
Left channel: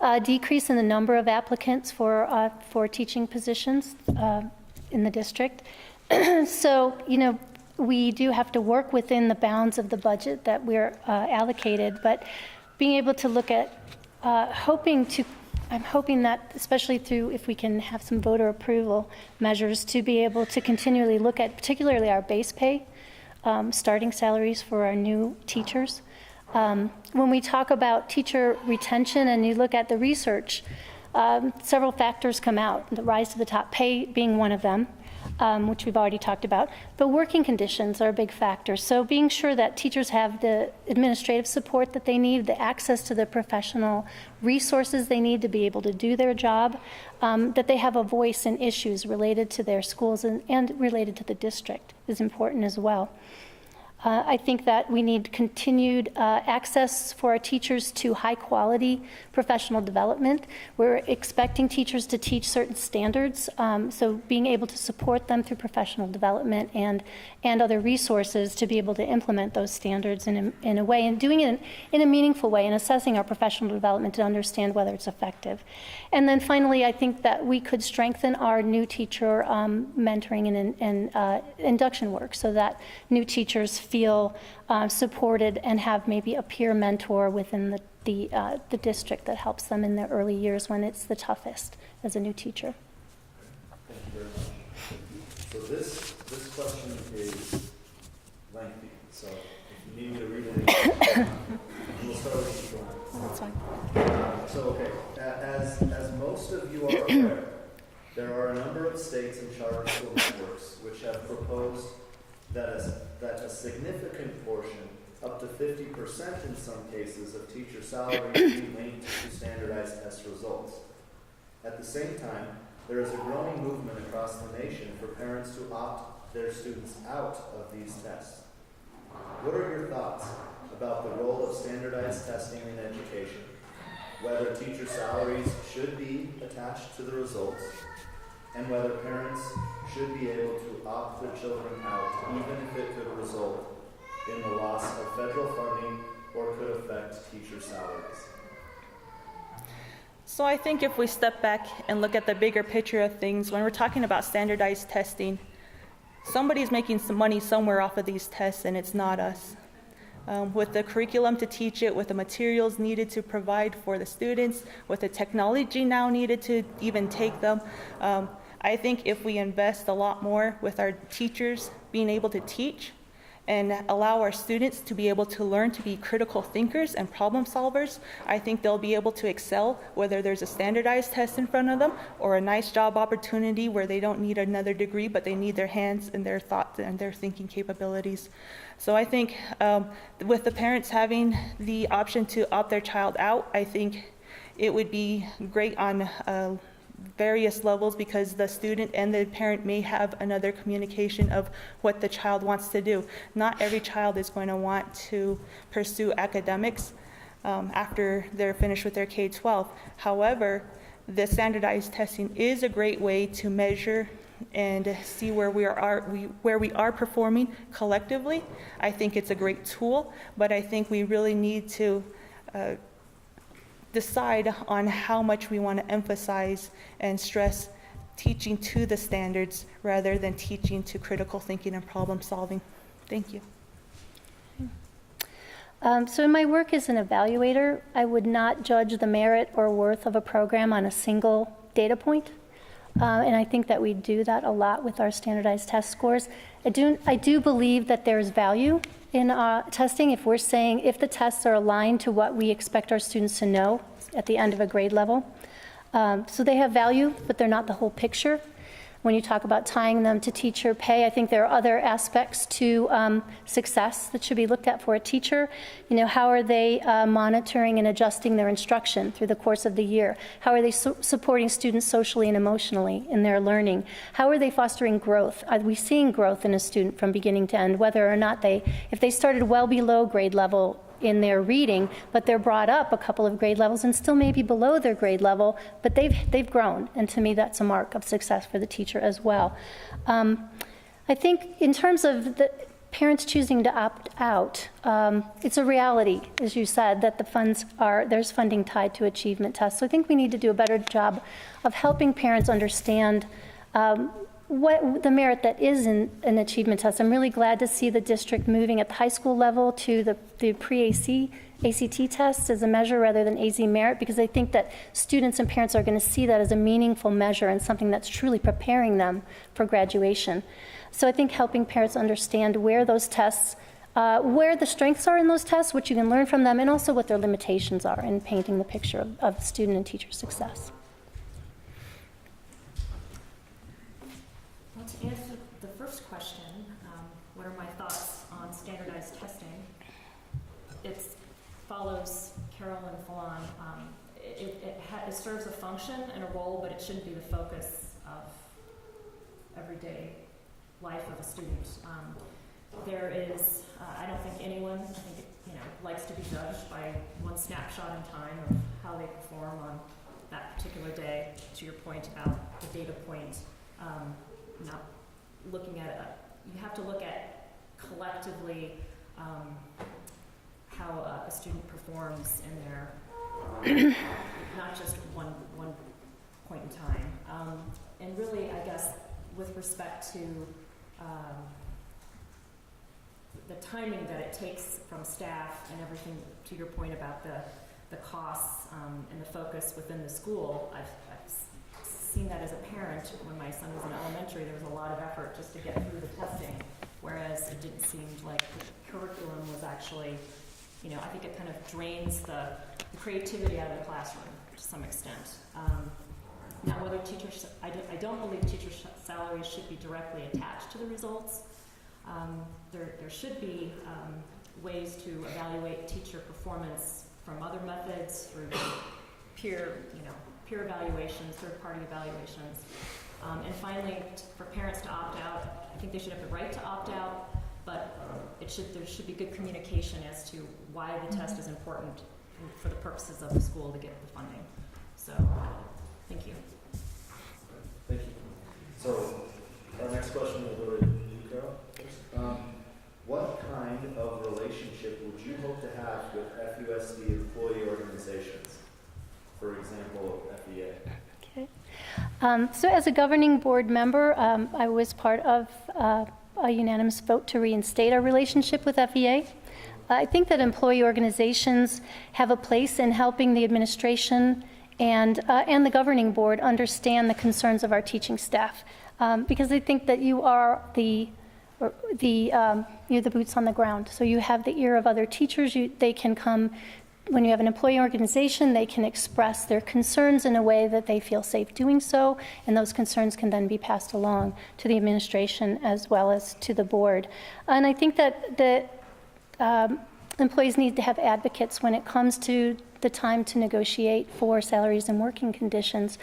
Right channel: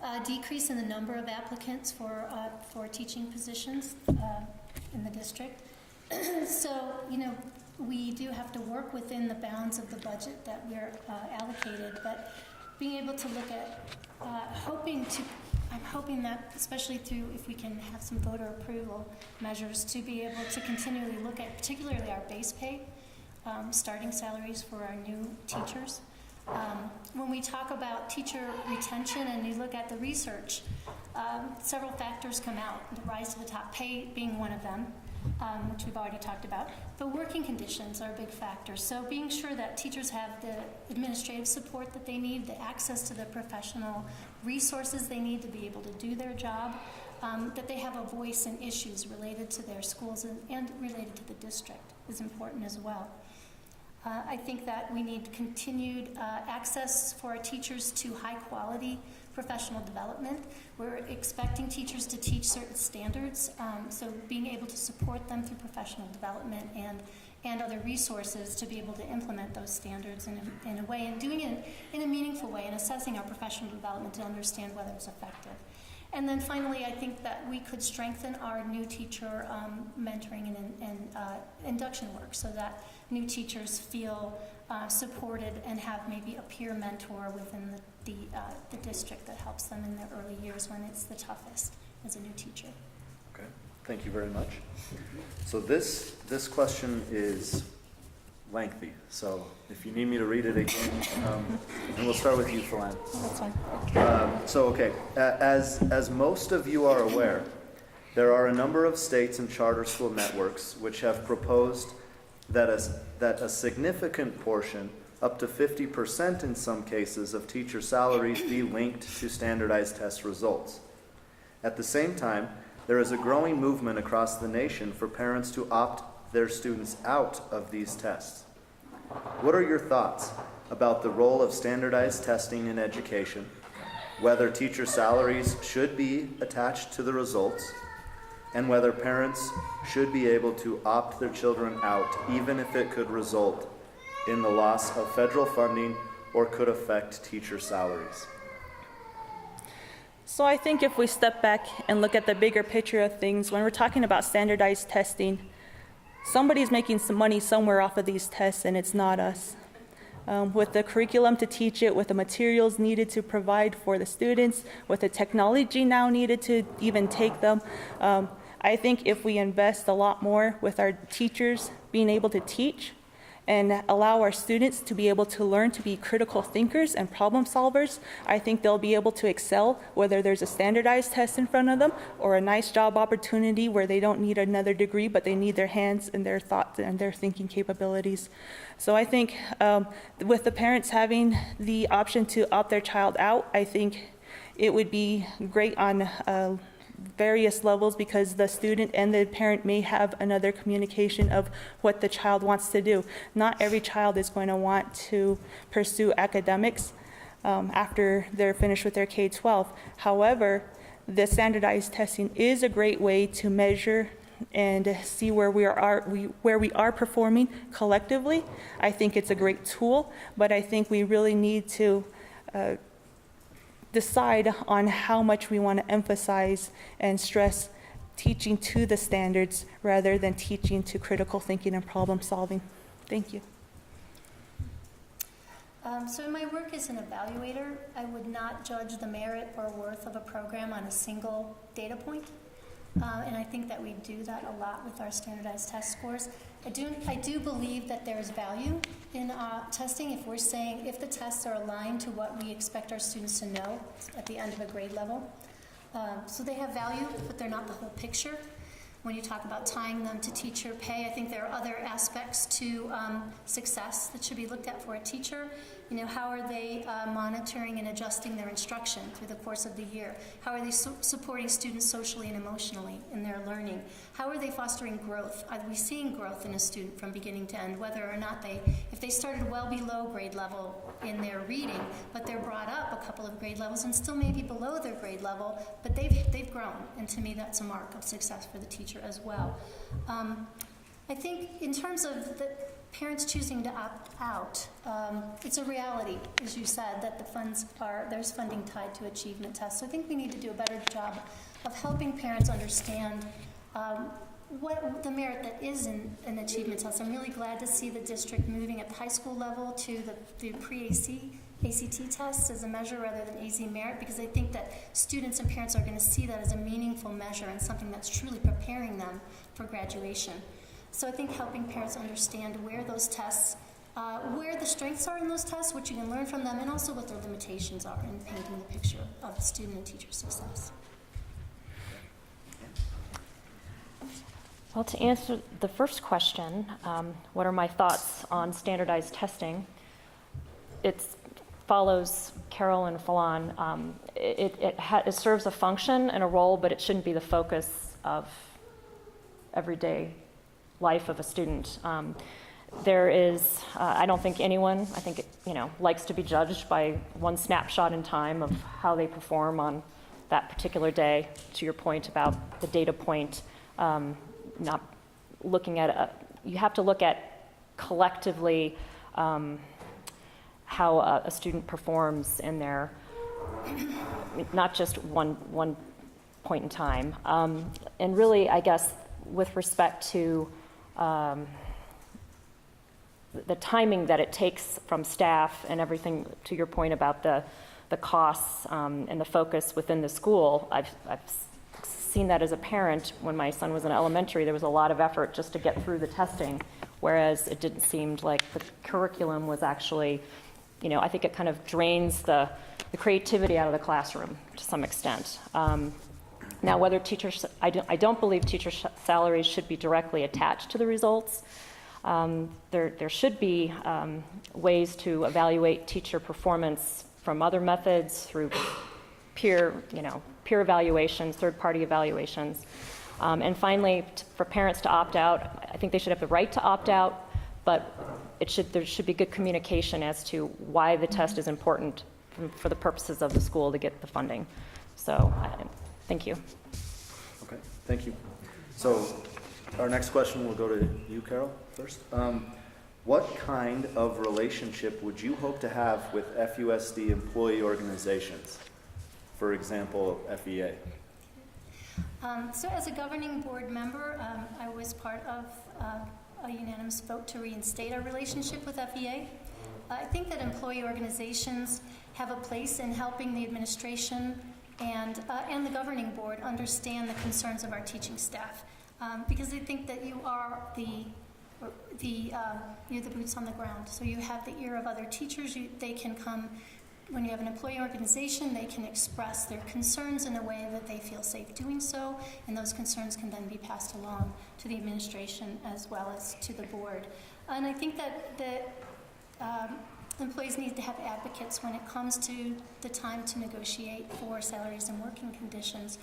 a decrease in the number of applicants for teaching positions in the district. So, we do have to work within the bounds of the budget that we're allocated, but being able to look at, I'm hoping that, especially through, if we can have some voter approval measures, to be able to continually look at particularly our base pay, starting salaries for our new teachers. When we talk about teacher retention and you look at the research, several factors come out, the rise to the top, pay being one of them, which we've already talked about, but working conditions are a big factor. So being sure that teachers have the administrative support that they need, the access to the professional resources they need to be able to do their job, that they have a voice in issues related to their schools and related to the district is important as well. I think that we need continued access for our teachers to high-quality professional development. We're expecting teachers to teach certain standards, so being able to support them through professional development and other resources to be able to implement those standards in a way, and doing it in a meaningful way, and assessing our professional development to understand whether it's effective. And then finally, I think that we could strengthen our new teacher mentoring and induction work so that new teachers feel supported and have maybe a peer mentor within the district that helps them in their early years when it's the toughest as a new teacher. Okay, thank you very much. So this question is lengthy, so if you need me to read it again, and we'll start with you, Philan. That's fine. As most of you are aware, there are a number of states and charter school networks which have proposed that a significant portion, up to 50% in some cases, of teacher salaries be linked to standardized test results. At the same time, there is a growing movement across the nation for parents to opt their students out of these tests. What are your thoughts about the role of standardized testing in education, whether teacher salaries should be attached to the results, and whether parents should be able to opt their children out, even if it could result in the loss of federal funding or could affect teacher salaries? So I think if we step back and look at the bigger picture of things, when we're talking about standardized testing, somebody's making some money somewhere off of these tests, and it's not us. With the curriculum to teach it, with the materials needed to provide for the students, with the technology now needed to even take them, I think if we invest a lot more with our teachers being able to teach and allow our students to be able to learn to be critical thinkers and problem solvers, I think they'll be able to excel whether there's a standardized test in front of them or a nice job opportunity where they don't need another degree, but they need their hands and their thoughts and their thinking capabilities. So I think with the parents having the option to opt their child out, I think it would be great on various levels, because the student and the parent may have another communication of what the child wants to do. Not every child is going to want to pursue academics after they're finished with their K-12. However, the standardized testing is a great way to measure and see where we are performing collectively. I think it's a great tool, but I think we really need to decide on how much we want to emphasize and stress teaching to the standards rather than teaching to critical thinking and problem solving. Thank you. So in my work as an evaluator, I would not judge the merit or worth of a program on a single data point. And I think that we do that a lot with our standardized test scores. I do believe that there is value in testing if we're saying if the tests are aligned to what we expect our students to know at the end of a grade level. So they have value, but they're not the whole picture. when you talk about tying them to teacher pay. I think there are other aspects to success that should be looked at for a teacher. You know, how are they monitoring and adjusting their instruction through the course of the year? How are they supporting students socially and emotionally in their learning? How are they fostering growth? Are we seeing growth in a student from beginning to end, whether or not if they started well below grade level in their reading, but they're brought up a couple of grade levels and still maybe below their grade level, but they've grown. And to me, that's a mark of success for the teacher as well. I think in terms of the parents choosing to opt out, it's a reality, as you said, that there's funding tied to achievement tests. So I think we need to do a better job of helping parents understand what the merit that is in an achievement test. I'm really glad to see the district moving at the high school level to the pre-ACT test as a measure rather than AZ merit, because I think that students and parents are going to see that as a meaningful measure and something that's truly preparing them for graduation. So I think helping parents understand where those tests, where the strengths are in those tests, what you can learn from them, and also what their limitations are in painting the picture of student and teacher success. Well, to answer the first question, what are my thoughts on standardized testing? It follows Carol and Philan. It serves a function and a role, but it shouldn't be the focus of everyday life of a student. There is, I don't think anyone, likes to be judged by one snapshot in time of how they perform on that particular day. To your point about the data point, not looking at you have to look at collectively how a student performs in their not just one point in time. And really, I guess, with respect to the timing that it takes from staff and everything, to your point about the costs and the focus within the school, I've seen that as a parent. When my son was in elementary, there was a lot of effort just to get through the testing, whereas it didn't seem like the curriculum was actually, I think it kind of drains the creativity out of the classroom to some extent. Now, whether teachers, I don't believe teacher salaries should be directly attached to the results. There should be ways to evaluate teacher performance from other methods through peer evaluations, third-party evaluations. And finally, for parents to opt out, I think they should have the right to opt out, but there should be good communication as to why the test is important for the purposes of the school to get the funding. So, thank you. Okay, thank you. So, our next question will go to you, Carol, first. What kind of relationship would you hope to have with FUSD employee organizations? For example, FEA. Okay. So as a governing board member, I was part of a unanimous vote to reinstate our relationship with FEA. I think that employee organizations have a place in helping the administration and the governing board understand the concerns of our teaching staff, because I think that you are you're the boots on the ground. So you have the ear of other teachers. They can come. When you have an employee organization, they can express their concerns in a way that they feel safe doing so, and those concerns can then be passed along to the administration as well as to the board. And I think that employees need to have advocates when it comes to the time to negotiate for salaries and working conditions.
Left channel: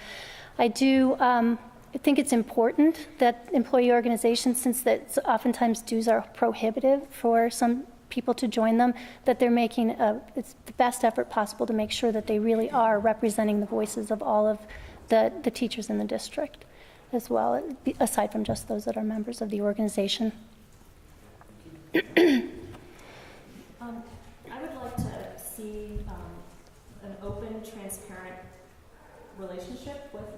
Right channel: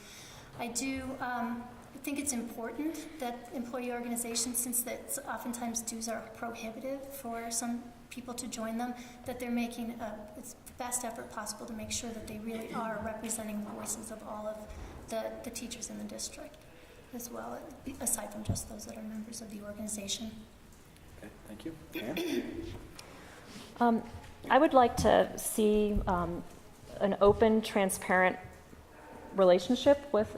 I think it's important that employee organizations, since that oftentimes dues are prohibitive for some people to join them, that they're making it's the best effort possible to make sure that they really are representing the voices of all of the teachers in the district as well, aside from just those that are members of the organization. Okay, thank you. I would like to see an open, transparent relationship with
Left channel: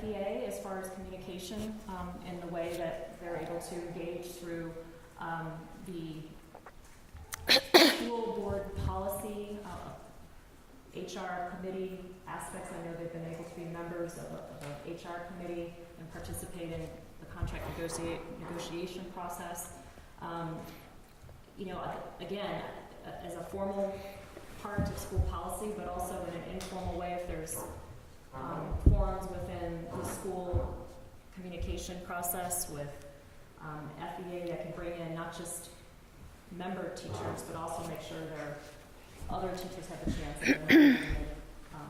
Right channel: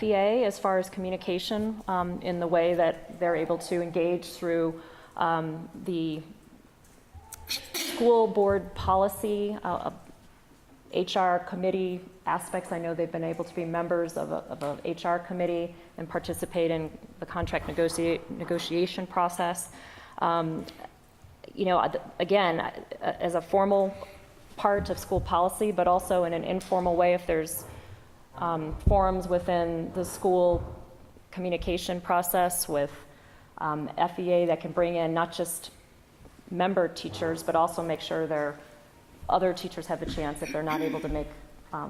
FEA as far as communication in the way that they're able to engage through the school board policy, HR committee aspects. I know they've been able to be members of a HR committee and participate in the contract negotiation process. Again, as a formal part of school policy, but also in an informal way if there's forums within the school communication process with FEA that can bring in not just member teachers, but also make sure their other teachers have a chance if they're not able to make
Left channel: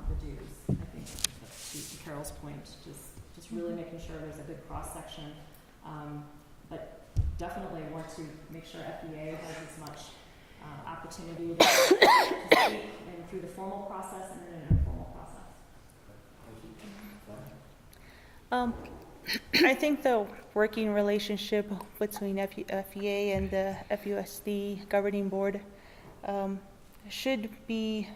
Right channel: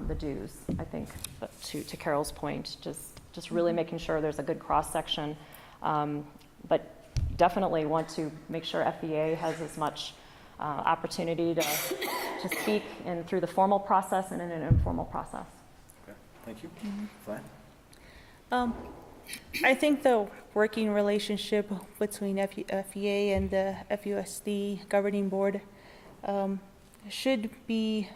the dues, I think. But to Carol's point, just really making sure there's a good cross-section. But definitely want to make sure FEA has as much opportunity to speak and through the formal process and in an informal process. Okay, thank you. Fine. I think the working relationship between FEA and the FUSD governing board should be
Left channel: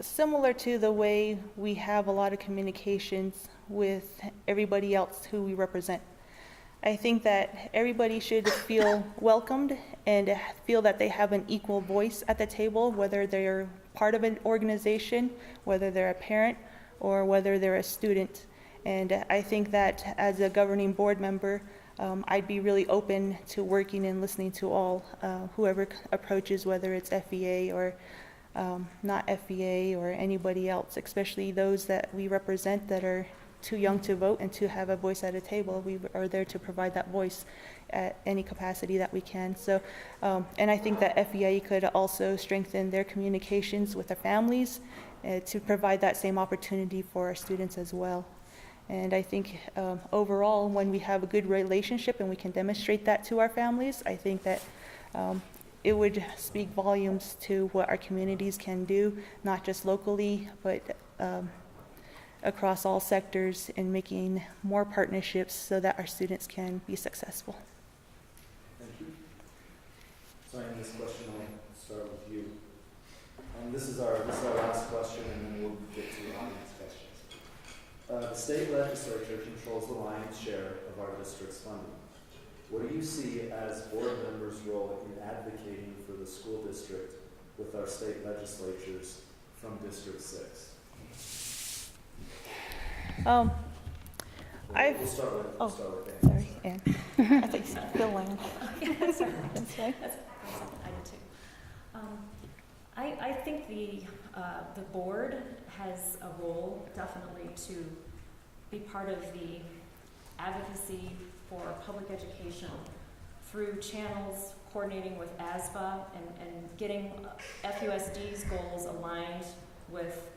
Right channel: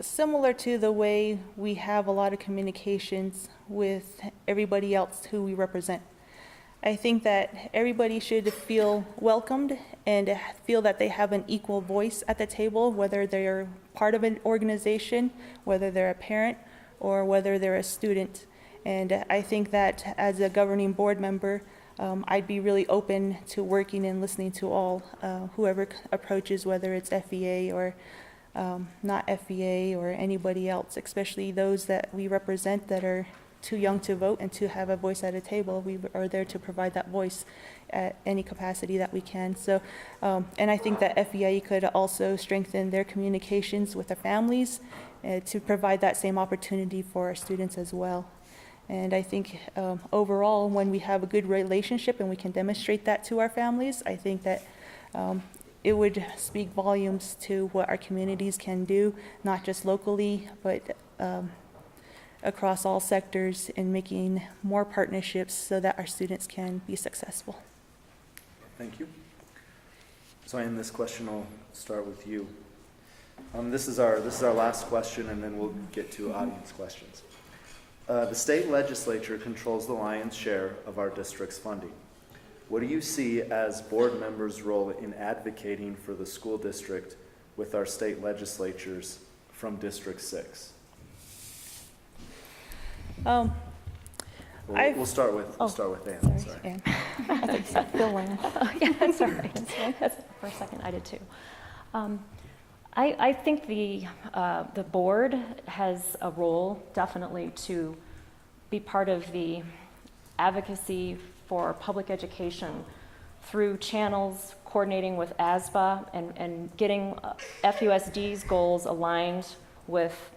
similar to the way we have a lot of communications with everybody else who we represent. I think that everybody should feel welcomed and feel that they have an equal voice at the table, whether they're part of an organization, whether they're a parent, or whether they're a student. And I think that as a governing board member, I'd be really open to working and listening to all, whoever approaches, whether it's FEA or not FEA or anybody else, especially those that we represent that are too young to vote and to have a voice at a table. We are there to provide that voice at any capacity that we can. So, and I think that FEA could also strengthen their communications with their families to provide that same opportunity for our students as well. And I think overall, when we have a good relationship and we can demonstrate that to our families, I think that it would speak volumes to what our communities can do, not just locally, but across all sectors, in making more partnerships so that our students can be successful. Thank you. So Anne, this question will start with you. This is our last question, and then we'll get to audience questions. The state legislature controls the lion's share of our district's funding. What do you see as board members' role in advocating for the school district with our state legislatures from District 6? We'll start with Anne. Sorry, Anne. I think you said Philan. Oh, yeah, sorry. For a second, I did too. I think the board has a role definitely to be part of the advocacy for public education through channels, coordinating with ASBA and getting FUSD's goals aligned with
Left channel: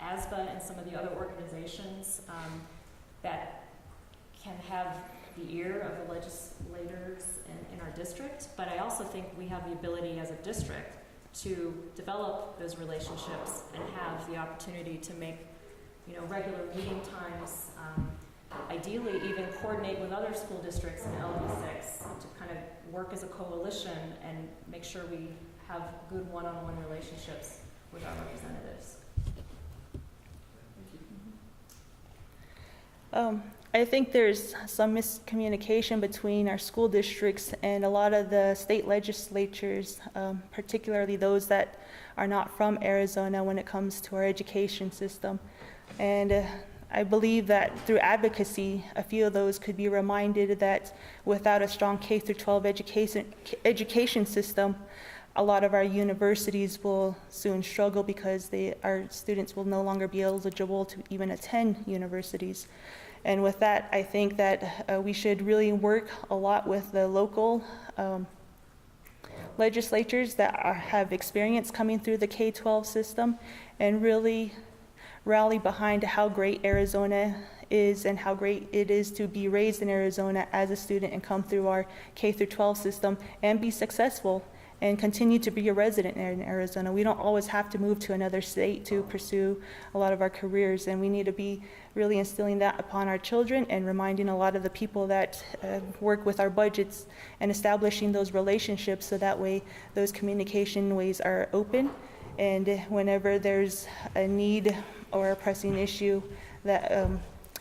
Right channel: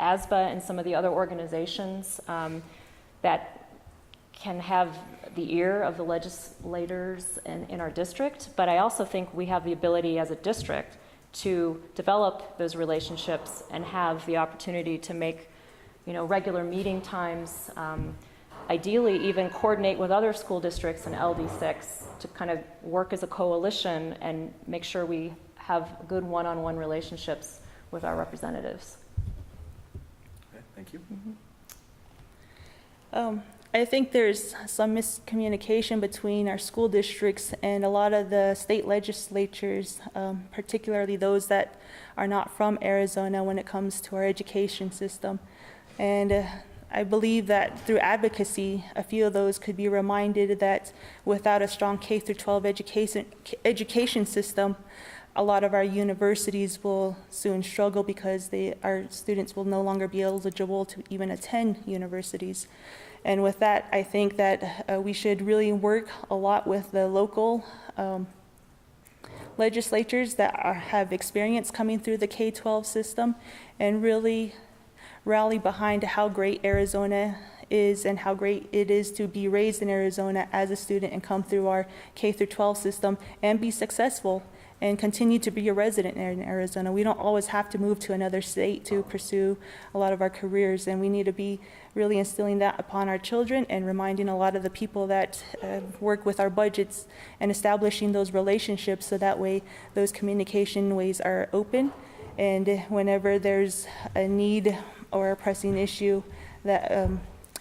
ASBA and some of the other organizations that can have the ear of the legislators in our district. But I also think we have the ability as a district to develop those relationships and have the opportunity to make, regular meeting times, ideally even coordinate with other school districts in LD6 to kind of work as a coalition and make sure we have good one-on-one relationships with our representatives. Okay, thank you. Mm-hmm. I think there's some miscommunication between our school districts and a lot of the state legislatures, particularly those that are not from Arizona when it comes to our education system. And I believe that through advocacy, a few of those could be reminded that without a strong K-12 education system, a lot of our universities will soon struggle because our students will no longer be eligible to even attend universities. And with that, I think that we should really work a lot with the local legislatures that have experience coming through the K-12 system and really rally behind how great Arizona is and how great it is to be raised in Arizona as a student and come through our K-12 system and be successful and continue to be a resident in Arizona. We don't always have to move to another state to pursue a lot of our careers, and we need to be really instilling that upon our children and reminding a lot of the people that work with our budgets and establishing those relationships so that way those communication ways are open, and whenever there's a need or a pressing issue that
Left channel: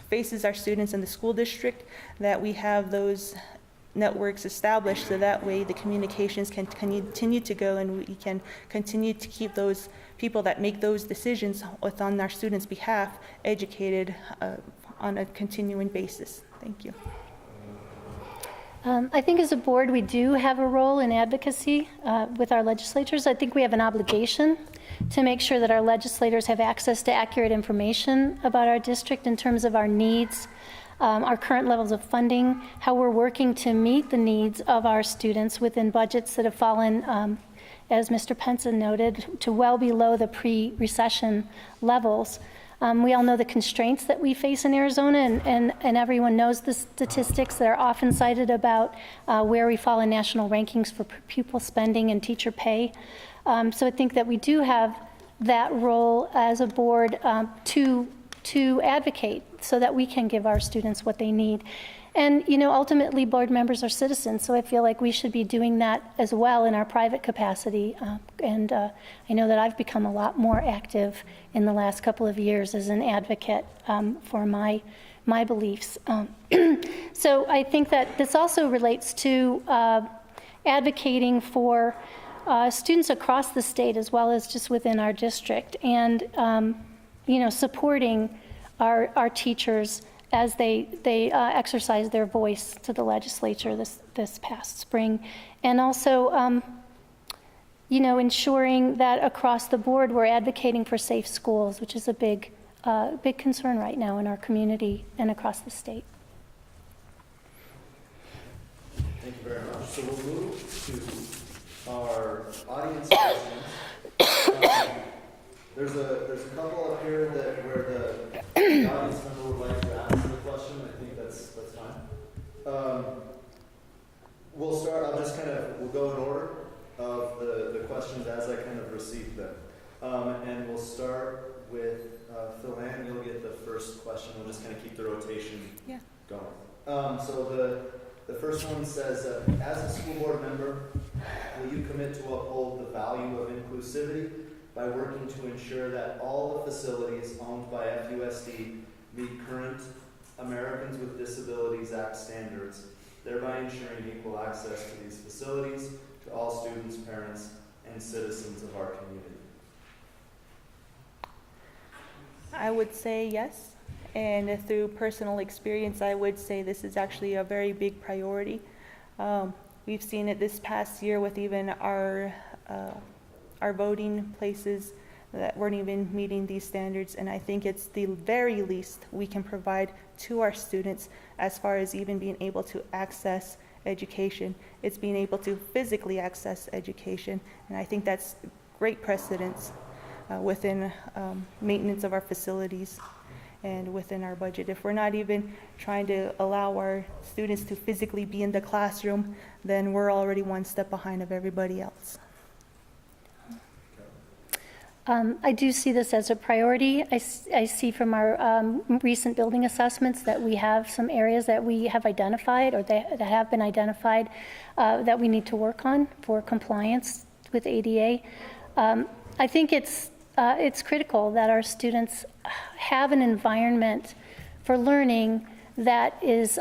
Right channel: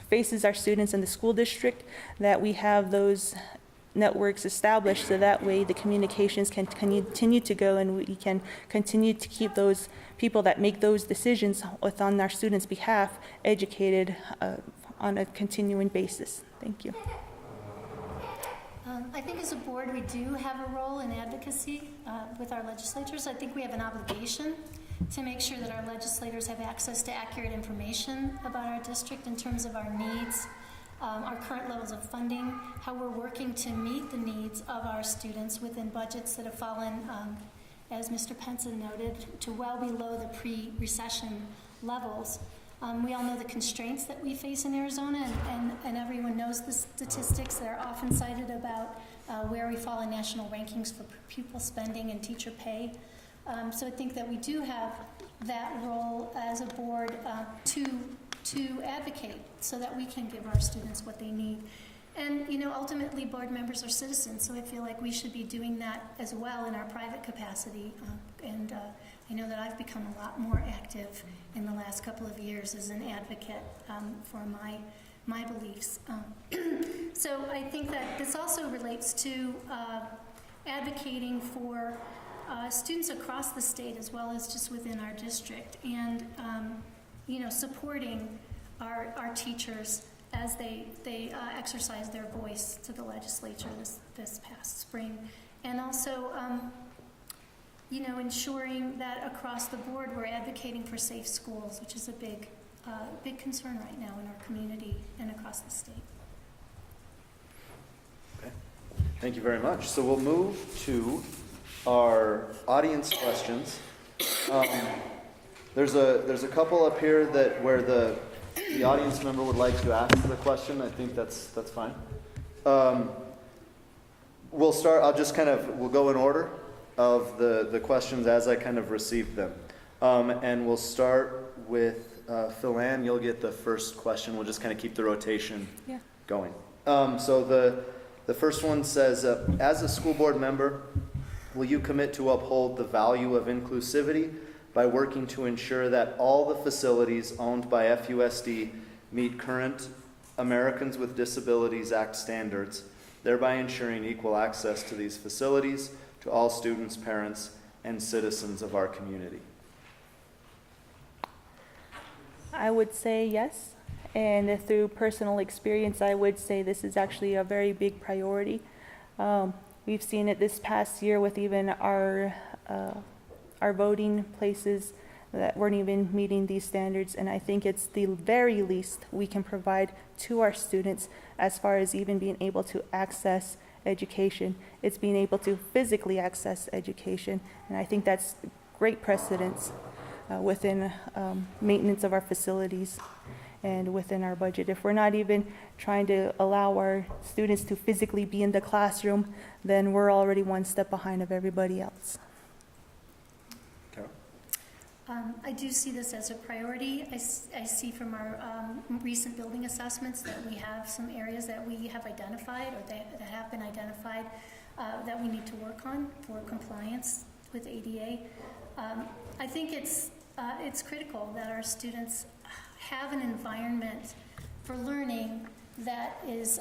faces our students in the school district, that we have those networks established so that way the communications can continue to go and we can continue to keep those people that make those decisions on our students' behalf educated on a continuing basis. Thank you. I think as a board, we do have a role in advocacy with our legislators. I think we have an obligation to make sure that our legislators have access to accurate information about our district in terms of our needs, our current levels of funding, how we're working to meet the needs of our students within budgets that have fallen, as Mr. Penson noted, to well below the pre-recession levels. We all know the constraints that we face in Arizona, and everyone knows the statistics that are often cited about where we fall in national rankings for pupil spending and teacher pay. So I think that we do have that role as a board to advocate so that we can give our students what they need. And, you know, ultimately, board members are citizens, so I feel like we should be doing that as well in our private capacity. I know that I've become a lot more active in the last couple of years as an advocate for my beliefs. So I think that this also relates to advocating for students across the state as well as just within our district, and you know, supporting our teachers as they exercise their voice to the legislature this past spring, and also you know, ensuring that across the board we're advocating for safe schools, which is a big concern right now in our community and across the state. Thank you very much. So we'll move to our audience questions. There's a couple up here that where the audience member would like to ask the question. I think that's fine. We'll start. We'll go in order of the questions as I kind of received them, and we'll start with Philan. You'll get the first question. We'll just kind of keep the rotation going. So the first one says, as a school board member, will you commit to uphold the value of inclusivity by working to ensure that all the facilities owned by FUSD meet current Americans with Disabilities Act standards, thereby ensuring equal access to these facilities to all students, parents, and citizens of our community? I would say yes. And through personal experience, I would say this is actually a very big priority. We've seen it this past year with even our voting places that weren't even meeting these standards, and I think it's the very least we can provide to our students as far as even being able to access education. It's being able to physically access education, and I think that's great precedence within maintenance of our facilities and within our budget. If we're not even trying to allow our students to physically be in the classroom, then we're already one step behind of everybody else. I do see this as a priority. I see from our recent building assessments that we have some areas that we have identified or that have been identified that we need to work on for compliance with ADA. I think it's critical that our students have an environment for learning that is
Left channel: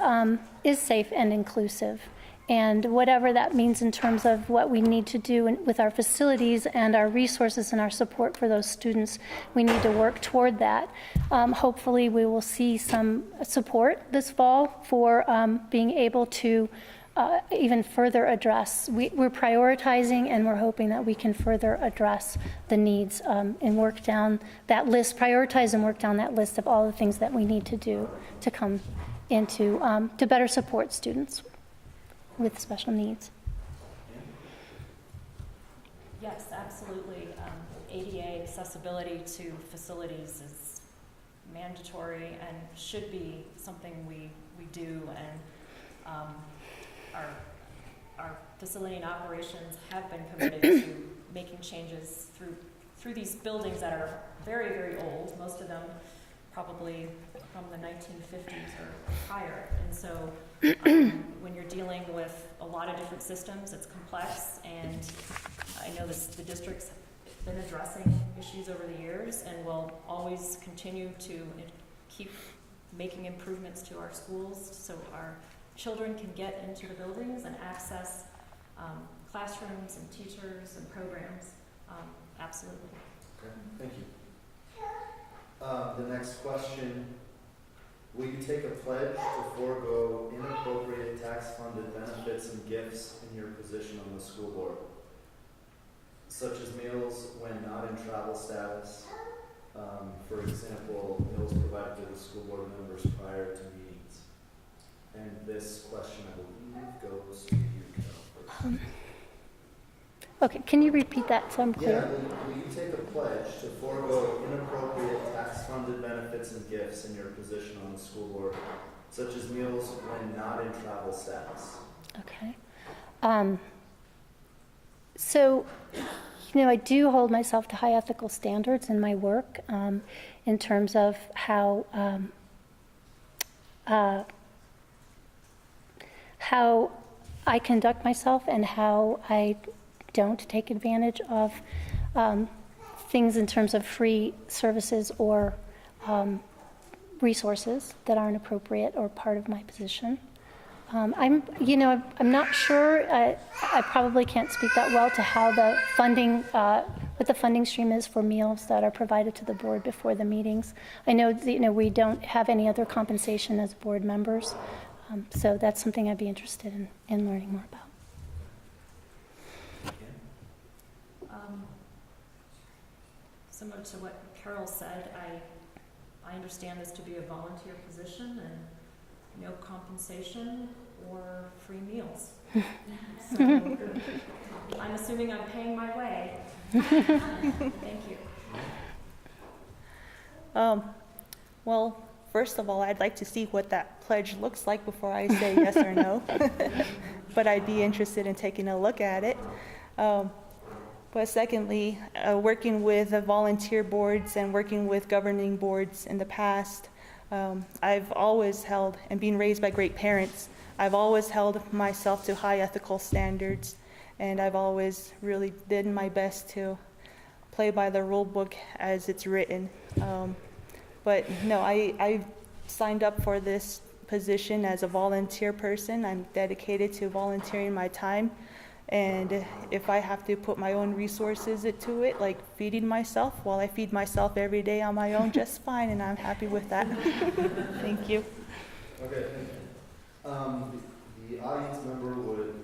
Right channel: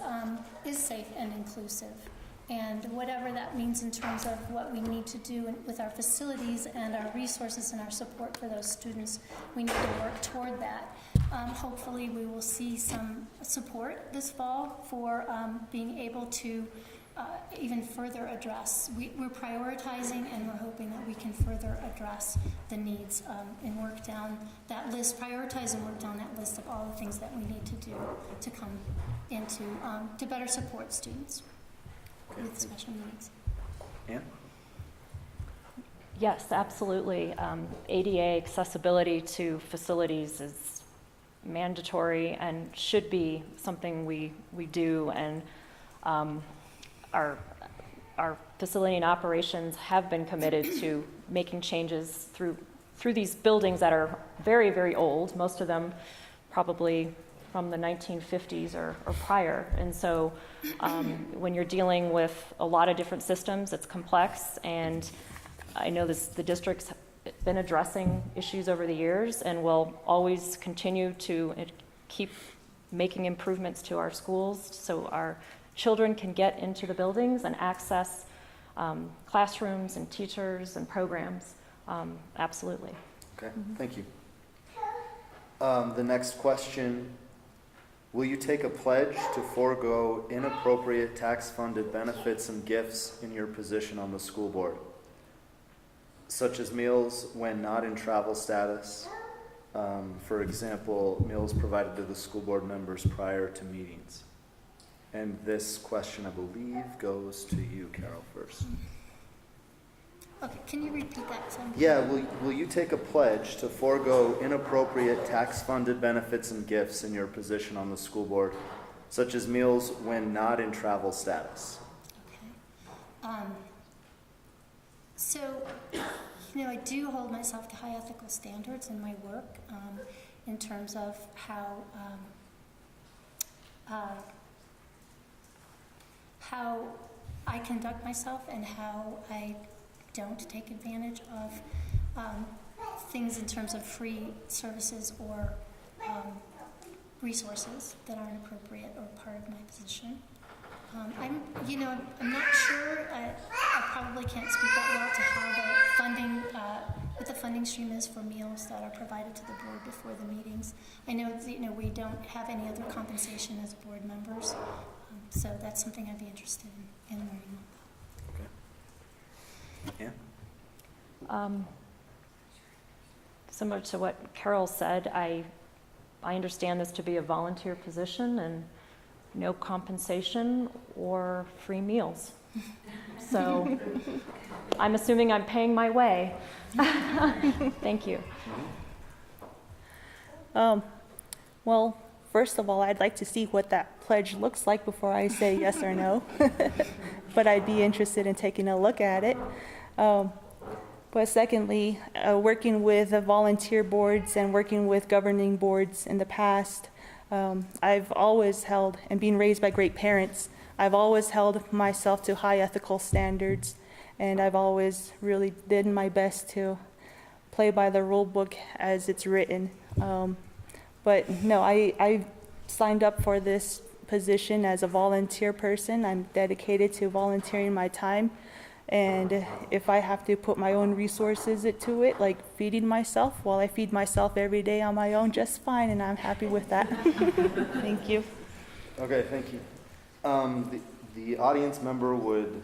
safe and inclusive. And whatever that means in terms of what we need to do with our facilities and our resources and our support for those students, we need to work toward that. Hopefully we will see some support this fall for being able to even further address. We're prioritizing, and we're hoping that we can further address the needs and work down that list, prioritize and work down that list of all the things that we need to do to come into, to better support students with special needs. Anne? Yes, absolutely. ADA accessibility to facilities is mandatory and should be something we do, and our facility and operations have been committed to making changes through these buildings that are very, very old, most of them probably from the 1950s or prior. And so when you're dealing with a lot of different systems, it's complex, and I know the district's been addressing issues over the years and will always continue to keep making improvements to our schools so our children can get into the buildings and access classrooms and teachers and programs. Absolutely. Okay, thank you. The next question, will you take a pledge to forego inappropriate tax-funded benefits and gifts in your position on the school board, such as meals when not in travel status, For example, meals provided to the school board members prior to meetings. And this question, I believe, goes to you, Carol, first. Okay, can you repeat that so I'm Yeah, clear? will you take a pledge to forego inappropriate tax-funded benefits and gifts in your position on the school board, such as meals when not in travel status? Okay. So, I do hold myself to high ethical standards in my work in terms of how I conduct myself and how I don't take advantage of things in terms of free services or resources that aren't appropriate or part of my position. I'm not sure. I probably can't speak that well to how the funding, what the funding stream is for meals that are provided to the board before the meetings. I know that, we don't have any other compensation as board members, so that's something I'd be interested in learning more about. Yeah. Similar to what Carol said, I understand this to be a volunteer position and no compensation or free meals. So I'm assuming I'm paying my way. Thank you. Well, first of all, I'd like to see what that pledge looks like before I say yes or no. But I'd be interested in taking a look at it. But secondly, working with the volunteer boards and working with governing boards in the past, I've always held, and being raised by great parents, I've always held myself to high ethical standards, and I've always really did my best to play by the rule book as it's written. But no, I signed up for this position as a volunteer person. I'm dedicated to volunteering my time. And if I have to put my own resources into it, like feeding myself, well, I feed myself every day on my own just fine, and I'm happy with that. Thank you. Okay, thank you. The audience member would,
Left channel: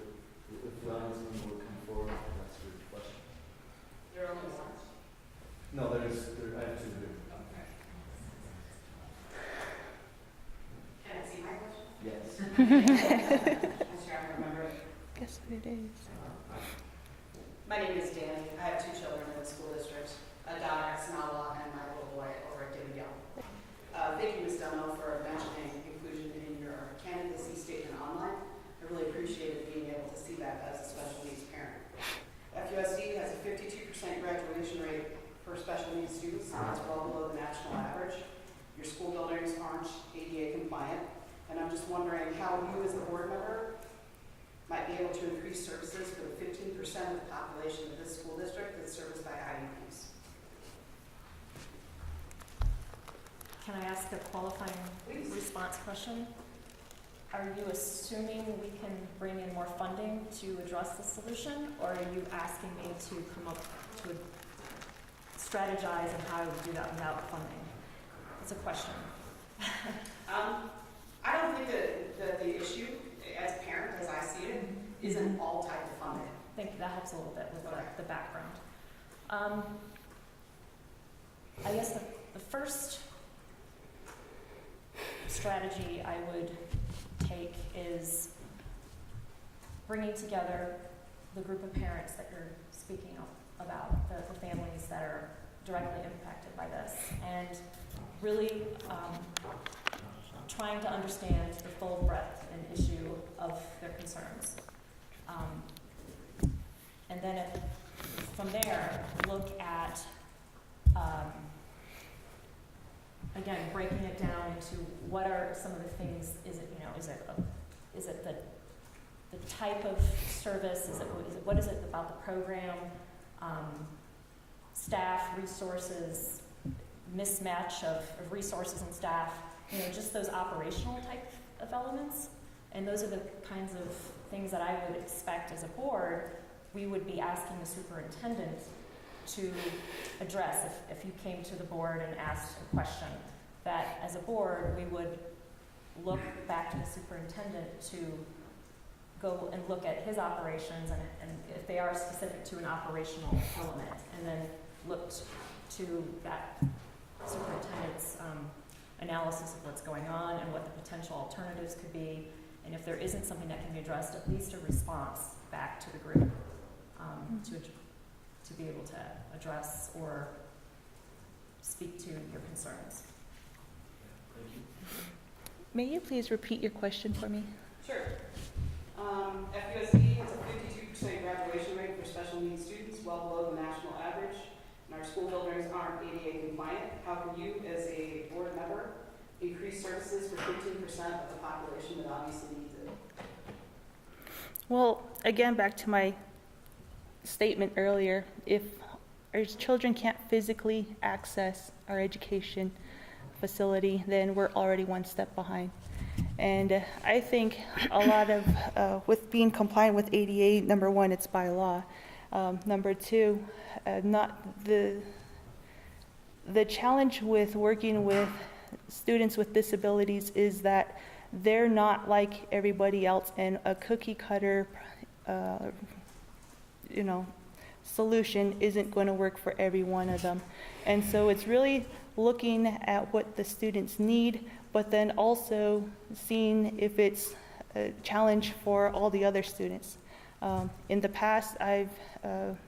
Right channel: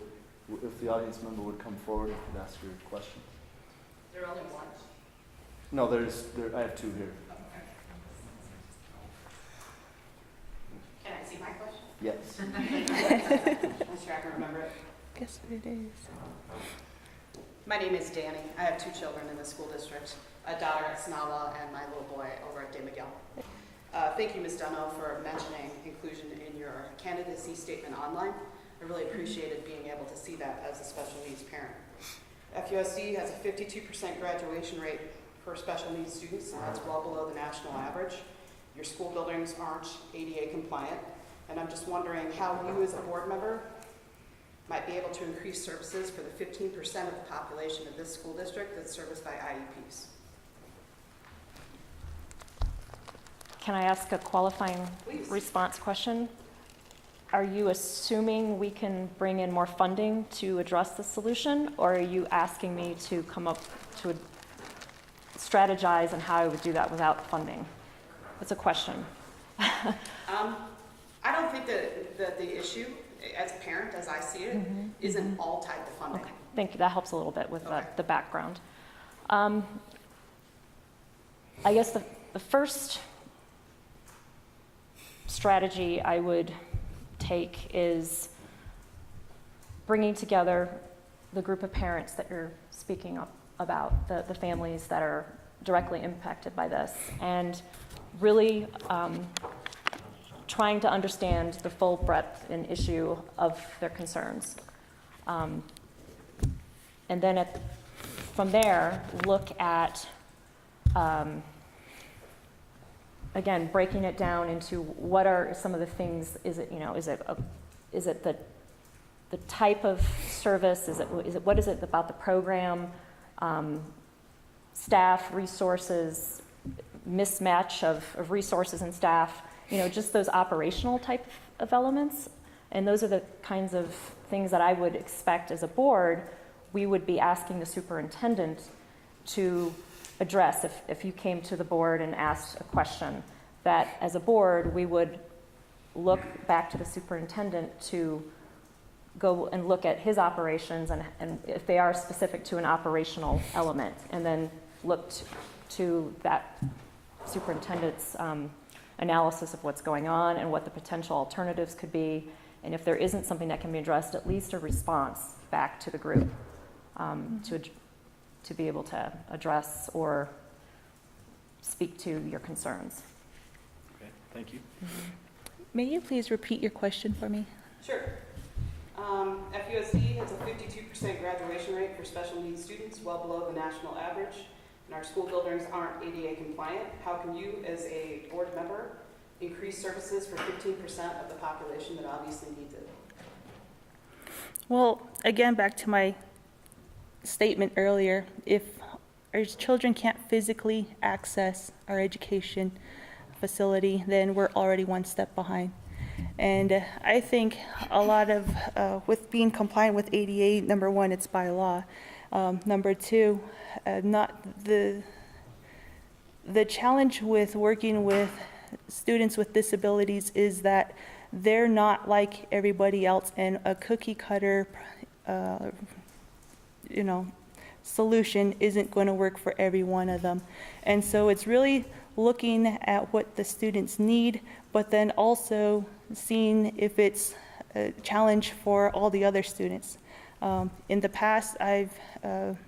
if the audience member would come forward and ask your question. There are only one? No, I have two here. Okay. Can I see my question? Yes. I'm sure I can remember it. Guess what it is. My name is Danny. I have two children in the school district, a daughter at Sanawa and my little boy over at David Young. Thank you, Ms. Dunno, for mentioning inclusion in your candidacy statement online. I really appreciated being able to see that as a special needs parent. FUSD has a 52% graduation rate for special needs students, and that's well below the national average. Your school buildings aren't ADA compliant, and I'm just wondering how you as a board member might be able to increase services for the 15% of the population of this school district that's serviced by IEPs. Can I ask a qualifying response question? Are you assuming we can bring in more funding to address the solution, or are you asking me to come up to strategize on how I would do that without funding? That's a question. I don't think that the issue, as a parent, as I see it, isn't all type of funding. Okay, thank you. That helps a little bit with the background. I guess the first strategy I would take is bringing together the group of parents that you're speaking about, the families that are directly impacted by this, and really trying to understand the full breadth and issue of their concerns. And then from there, look at, again, breaking it down into what are some of the things. Is it the type of service? What is it about the program? Staff, resources, mismatch of resources and staff, just those operational type of elements. And those are the kinds of things that I would expect as a board we would be asking the superintendent to address if you came to the board and asked a question, that as a board we would look back to the superintendent to go and look at his operations and if they are specific to an operational element, and then look to that superintendent's analysis of what's going on and what the potential alternatives could be. And if there isn't something that can be addressed, at least a response back to the group to be able to address or speak to your concerns. Okay, thank you. May you please repeat your question for me? Sure. FUSD has a 52% graduation rate for special needs students, well below the national average, and our school buildings aren't ADA compliant. How can you, as a board member, increase services for 15% of the population that obviously needs it? Well, again, back to my statement earlier, if our children can't physically access our education facility, then we're already one step behind. And I think a lot of, with being compliant with ADA, number one, it's by law. Number two, not the challenge with working with students with disabilities is that they're not like everybody else, and a cookie cutter, solution isn't going to work for every one of them. And so it's really looking at what the students need, but then also seeing if it's a challenge for all the other students. In the past, there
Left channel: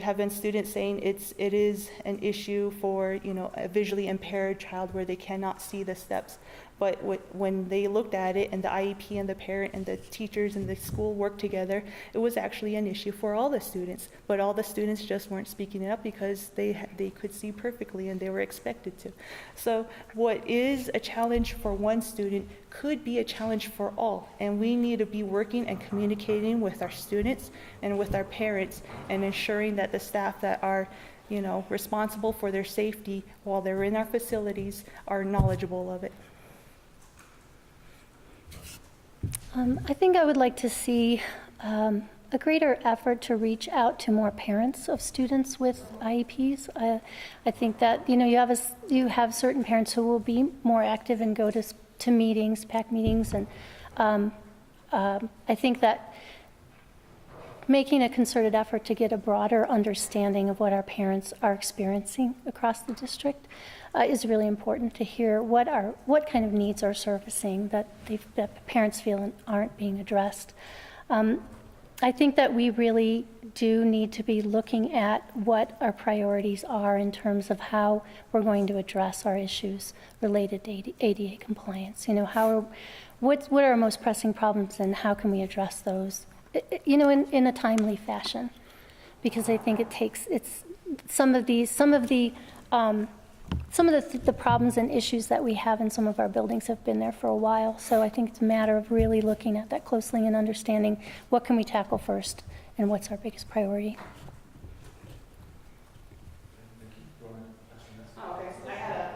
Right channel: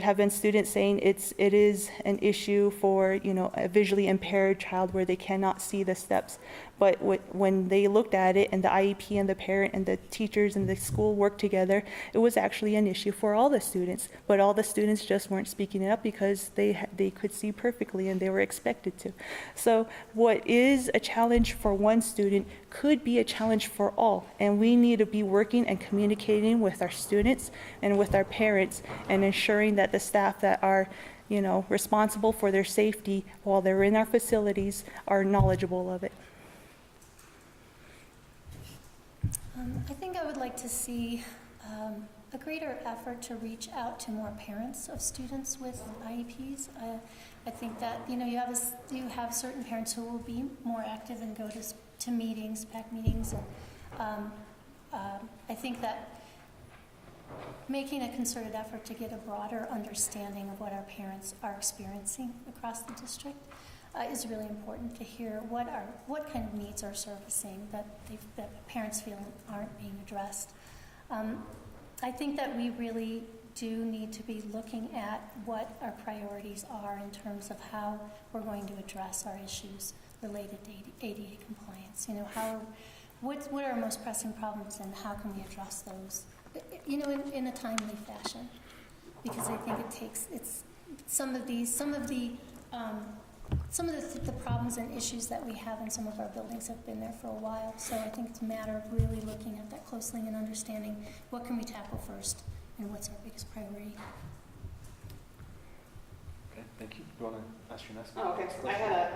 have been students saying it is an issue for, a visually impaired child where they cannot see the steps. But when they looked at it and the IEP and the parent and the teachers and the school worked together, it was actually an issue for all the students. But all the students just weren't speaking it up because they could see perfectly and they were expected to. So what is a challenge for one student could be a challenge for all. And we need to be working and communicating with our students and with our parents and ensuring that the staff that are responsible for their safety while they're in our facilities are knowledgeable of it. I think I would like to see a greater effort to reach out to more parents of students with IEPs. I think that you have certain parents who will be more active and go to meetings, PAC meetings, and I think that making a concerted effort to get a broader understanding of what our parents are experiencing across the district is really important to hear what kind of needs are surfacing that parents feel aren't being addressed. I think that we really do need to be looking at what our priorities are in terms of how we're going to address our issues related to ADA compliance. What are our most pressing problems and how can we address those? In a timely fashion, because I think it's some of the problems and issues that we have in some of our buildings have been there for a while. So I think it's a matter of really looking at that closely and understanding what can we tackle first and what's our biggest priority. Okay, thank you. You want to ask your next question? Oh, okay.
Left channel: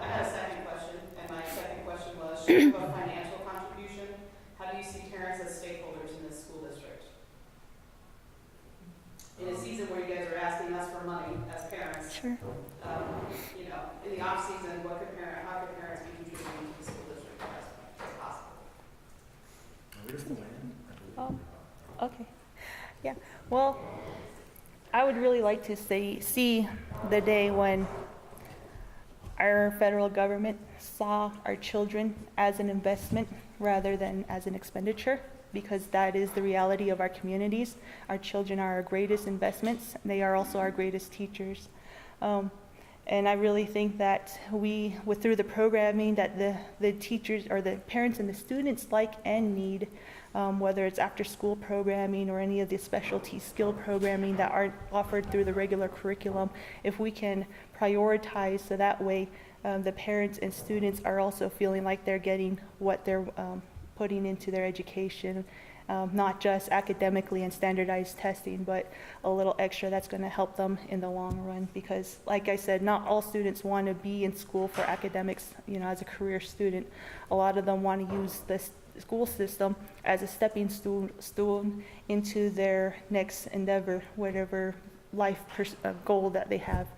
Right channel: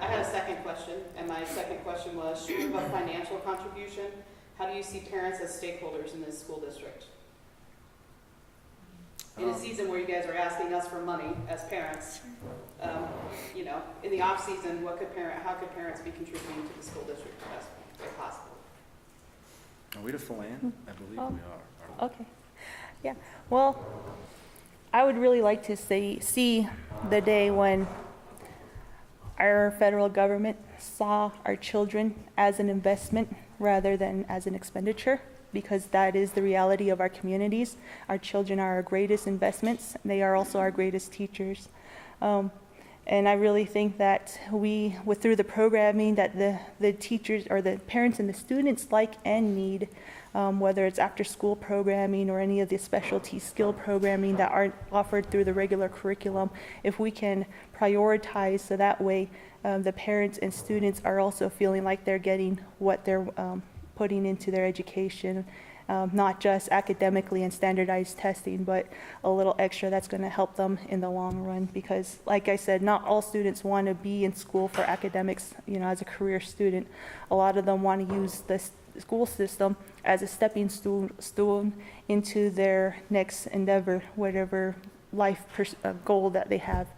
I had a second question, and my second question was, short of a financial contribution, how do you see parents as stakeholders in this school district? In a season where you guys are asking us for money as parents, Sure. In the off season, how could parents be contributing to the school district as possible? Are we to Philan? I believe Oh. we are. Okay. Yeah. Well, I would really like to see the day when our federal government saw our children as an investment rather than as an expenditure, because that is the reality of our communities. Our children are our greatest investments. They are also our greatest teachers. And I really think that through the programming that the teachers or the parents and the students like and need, whether it's after school programming or any of the specialty skill programming that aren't offered through the regular curriculum, if we can prioritize so that way the parents and students are also feeling like they're getting what they're putting into their education, not just academically and standardized testing, but a little extra that's going to help them in the long run. Because, like I said, not all students want to be in school for academics, as a career student. A lot of them want to use the school system as a stepping stool into their next endeavor, whatever life goal that they have.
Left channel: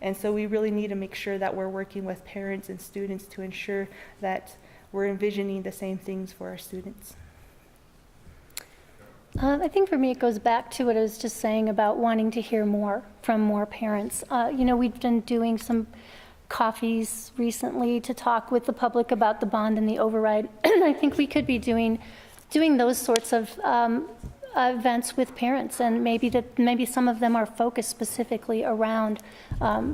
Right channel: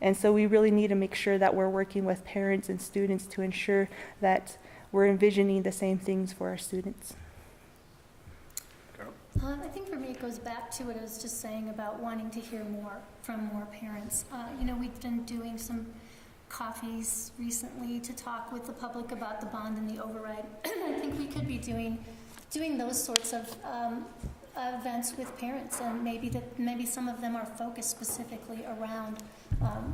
And so we really need to make sure that we're working with parents and students to ensure that we're envisioning the same things for our students. I think for me it goes back to what I was just saying about wanting to hear more from more parents. We've been doing some coffees recently to talk with the public about the bond and the override. And I think we could be doing those sorts of events with parents, and maybe some of them are focused specifically around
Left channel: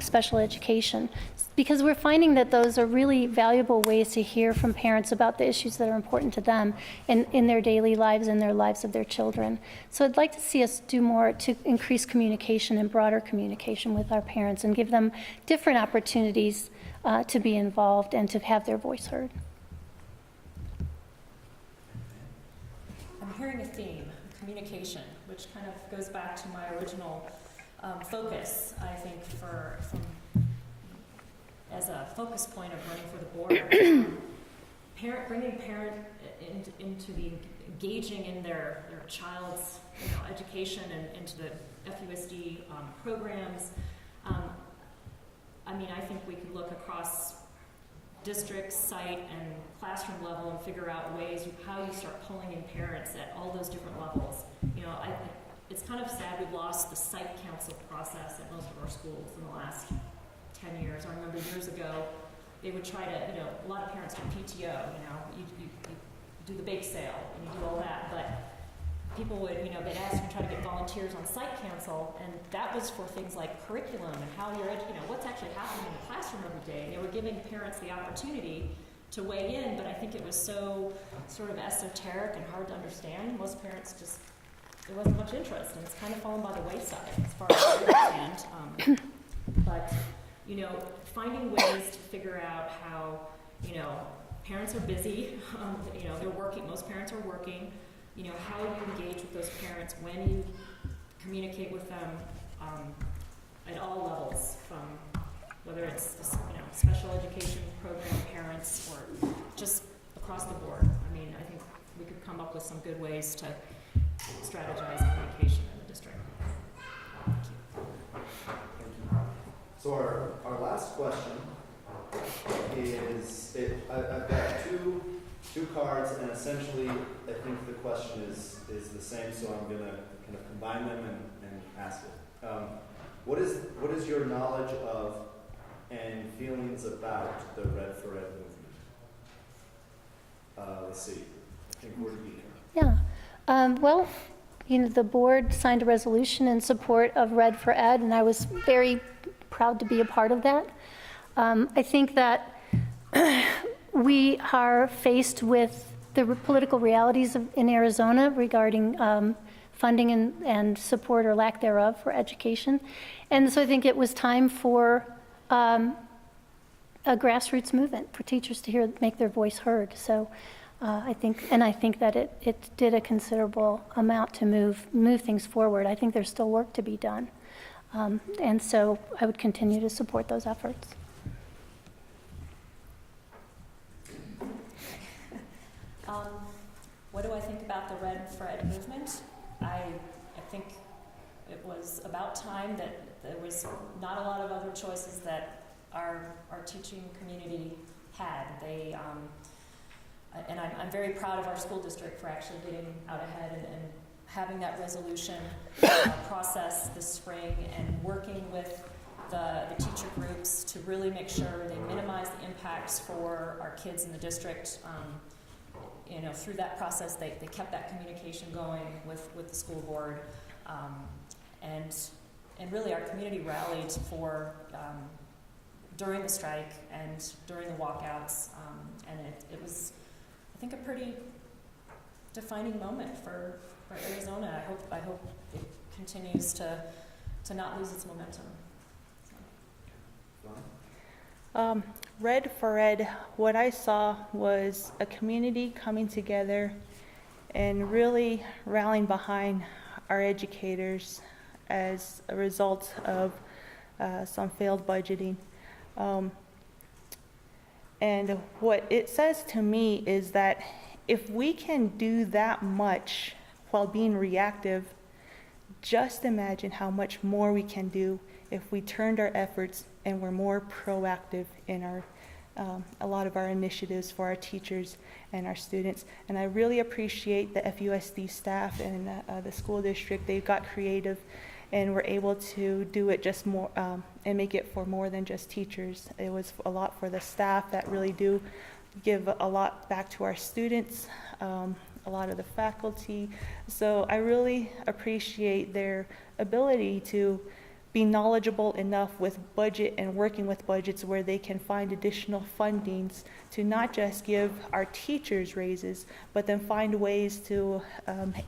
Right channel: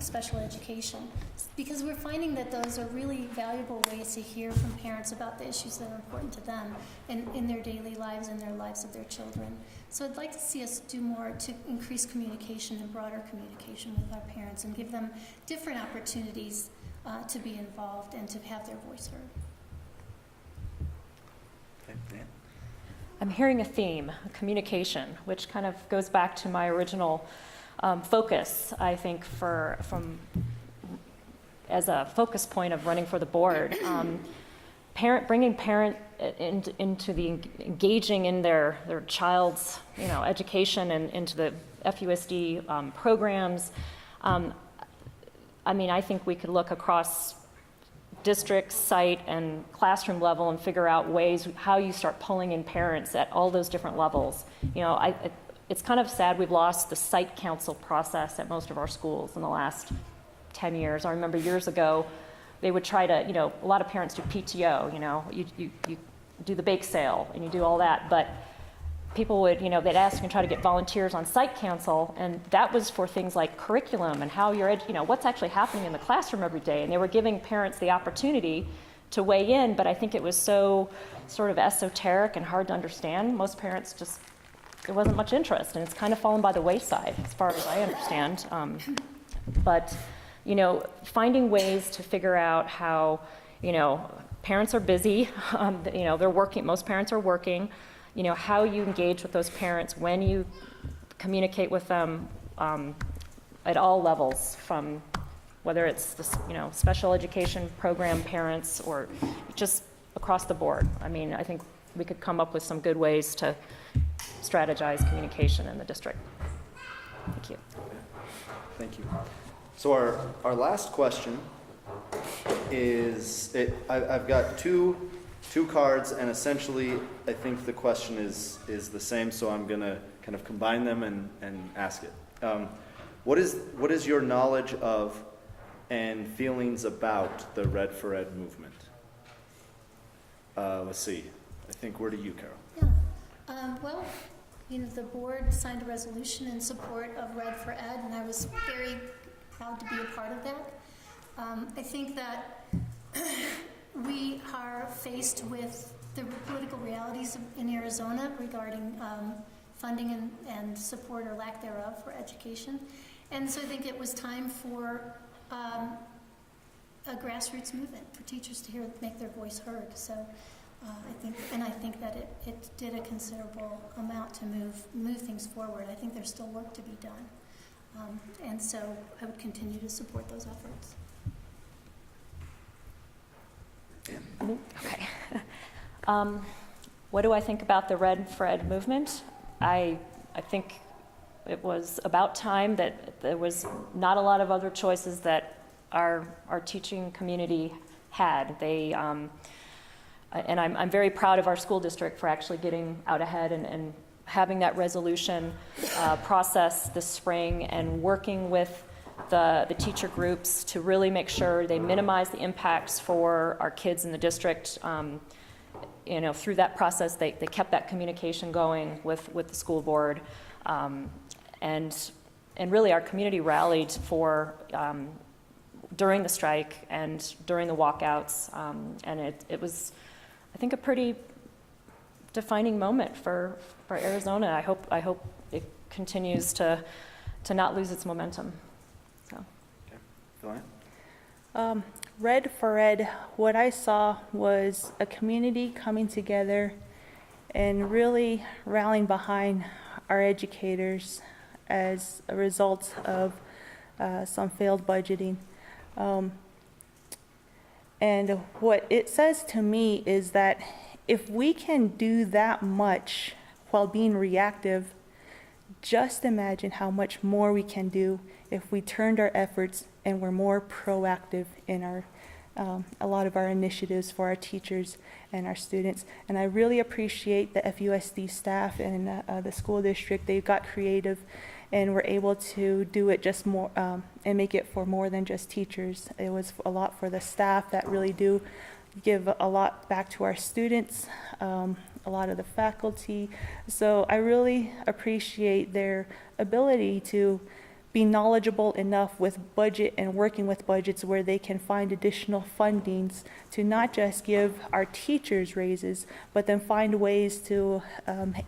special education, because we're finding that those are really valuable ways to hear from parents about the issues that are important to them in their daily lives and their lives of their children. So I'd like to see us do more to increase communication and broader communication with our parents and give them different opportunities to be involved and to have their voice heard. I'm hearing a theme, communication, which kind of goes back to my original focus, I think, as a focus point of running for the board. Bringing parent into the engaging in their child's education and into the FUSD programs. I think we could look across district, site, and classroom level and figure out ways how you start pulling in parents at all those different levels. It's kind of sad we've lost the site council process at most of our schools in the last 10 years. I remember years ago, they would try to, a lot of parents do PTO, you do the bake sale and you do all that, but people would, they'd ask and try to get volunteers on site council, and that was for things like curriculum and how you're, what's actually happening in the classroom every day, and they were giving parents the opportunity to weigh in, but I think it was so sort of esoteric and hard to understand. Most parents there wasn't much interest, and it's kind of fallen by the wayside as far as I understand. But finding ways to figure out how, parents are busy, they're working, most parents are working, how you engage with those parents, when you communicate with them at all levels, from whether it's the, special education program parents or just across the board. I think we could come up with some good ways to strategize communication in the district. Thank you. Thank you. So our last question is, I've got two cards, and essentially I think the question is the same, so I'm going to kind of combine them and ask it. What is your knowledge of and feelings about the Red for Ed movement? Let's see. I think we're to you, Carol. Yeah. The board signed a resolution in support of Red for Ed, and I was very proud to be a part of that. I think that we are faced with the political realities in Arizona regarding funding and support or lack thereof for education. And so I think it was time for a grassroots movement for teachers to make their voice heard. So I think that it did a considerable amount to move things forward. I think there's still work to be done. And so I would continue to support those efforts. Okay. What do I think about the Red for Ed movement? I think it was about time that there was not a lot of other choices that our teaching community had. And I'm very proud of our school district for actually getting out ahead and having that resolution process this spring and working with the teacher groups to really make sure they minimize the impacts for our kids in the district. Through that process, they kept that communication going with the school board. And really our community rallied for during the strike and during the walkouts. And it was, I think, a pretty defining moment for Arizona. I hope it continues to not lose its momentum. So. Okay. Red for Ed, what I saw was a community coming together and really rallying behind our educators as a result of some failed budgeting. And what it says to me is that if we can do that much while being reactive, just imagine how much more we can do if we turned our efforts and were more proactive in our a lot of our initiatives for our teachers and our students. And I really appreciate the FUSD staff and the school district. They got creative and we're able to do it just more and make it for more than just teachers. It was a lot for the staff that really do give a lot back to our students, a lot of the faculty. So I really appreciate their ability to be knowledgeable enough with budget and working with budgets where they can find additional fundings to not just give our teachers raises, but then find ways to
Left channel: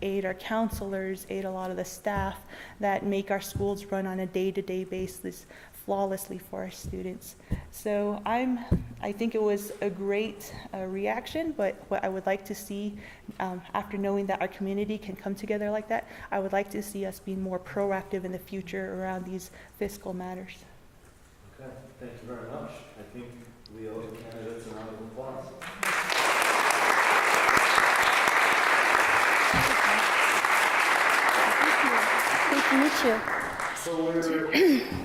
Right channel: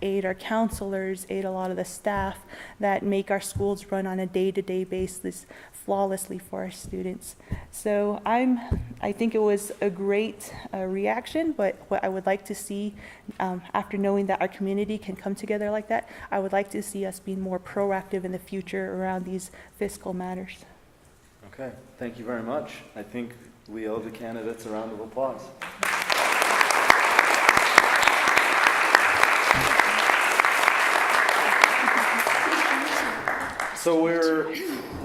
aid our counselors, aid a lot of the staff that make our schools run on a day-to-day basis flawlessly for our students. So I think it was a great reaction, but what I would like to see after knowing that our community can come together like that, I would like to see us being more proactive in the future around these fiscal matters. Okay, thank you very much. I think we owe the candidates a round of applause. Nice to meet you. So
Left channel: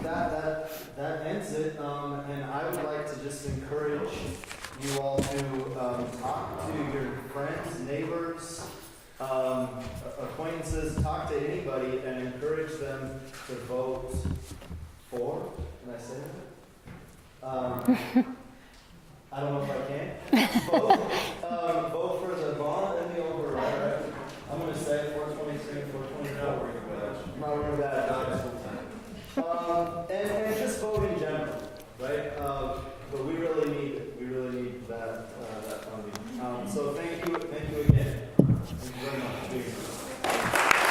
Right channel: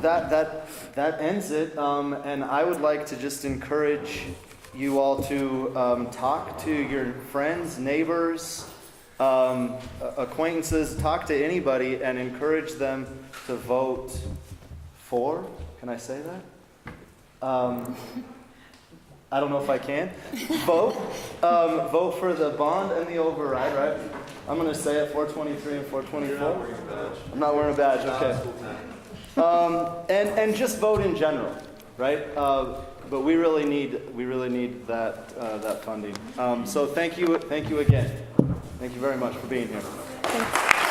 that ends it, and I would like to just encourage you all to talk to your friends, neighbors, acquaintances, talk to anybody, and encourage them to vote for. Can I say that? I don't know if I can. Vote for the bond and the override, right? I'm going to say it, 423 and 424. I'm not wearing a badge, okay. And just vote in general, right? But we really need that funding. So thank you again. Thank you very much for being here. Thanks.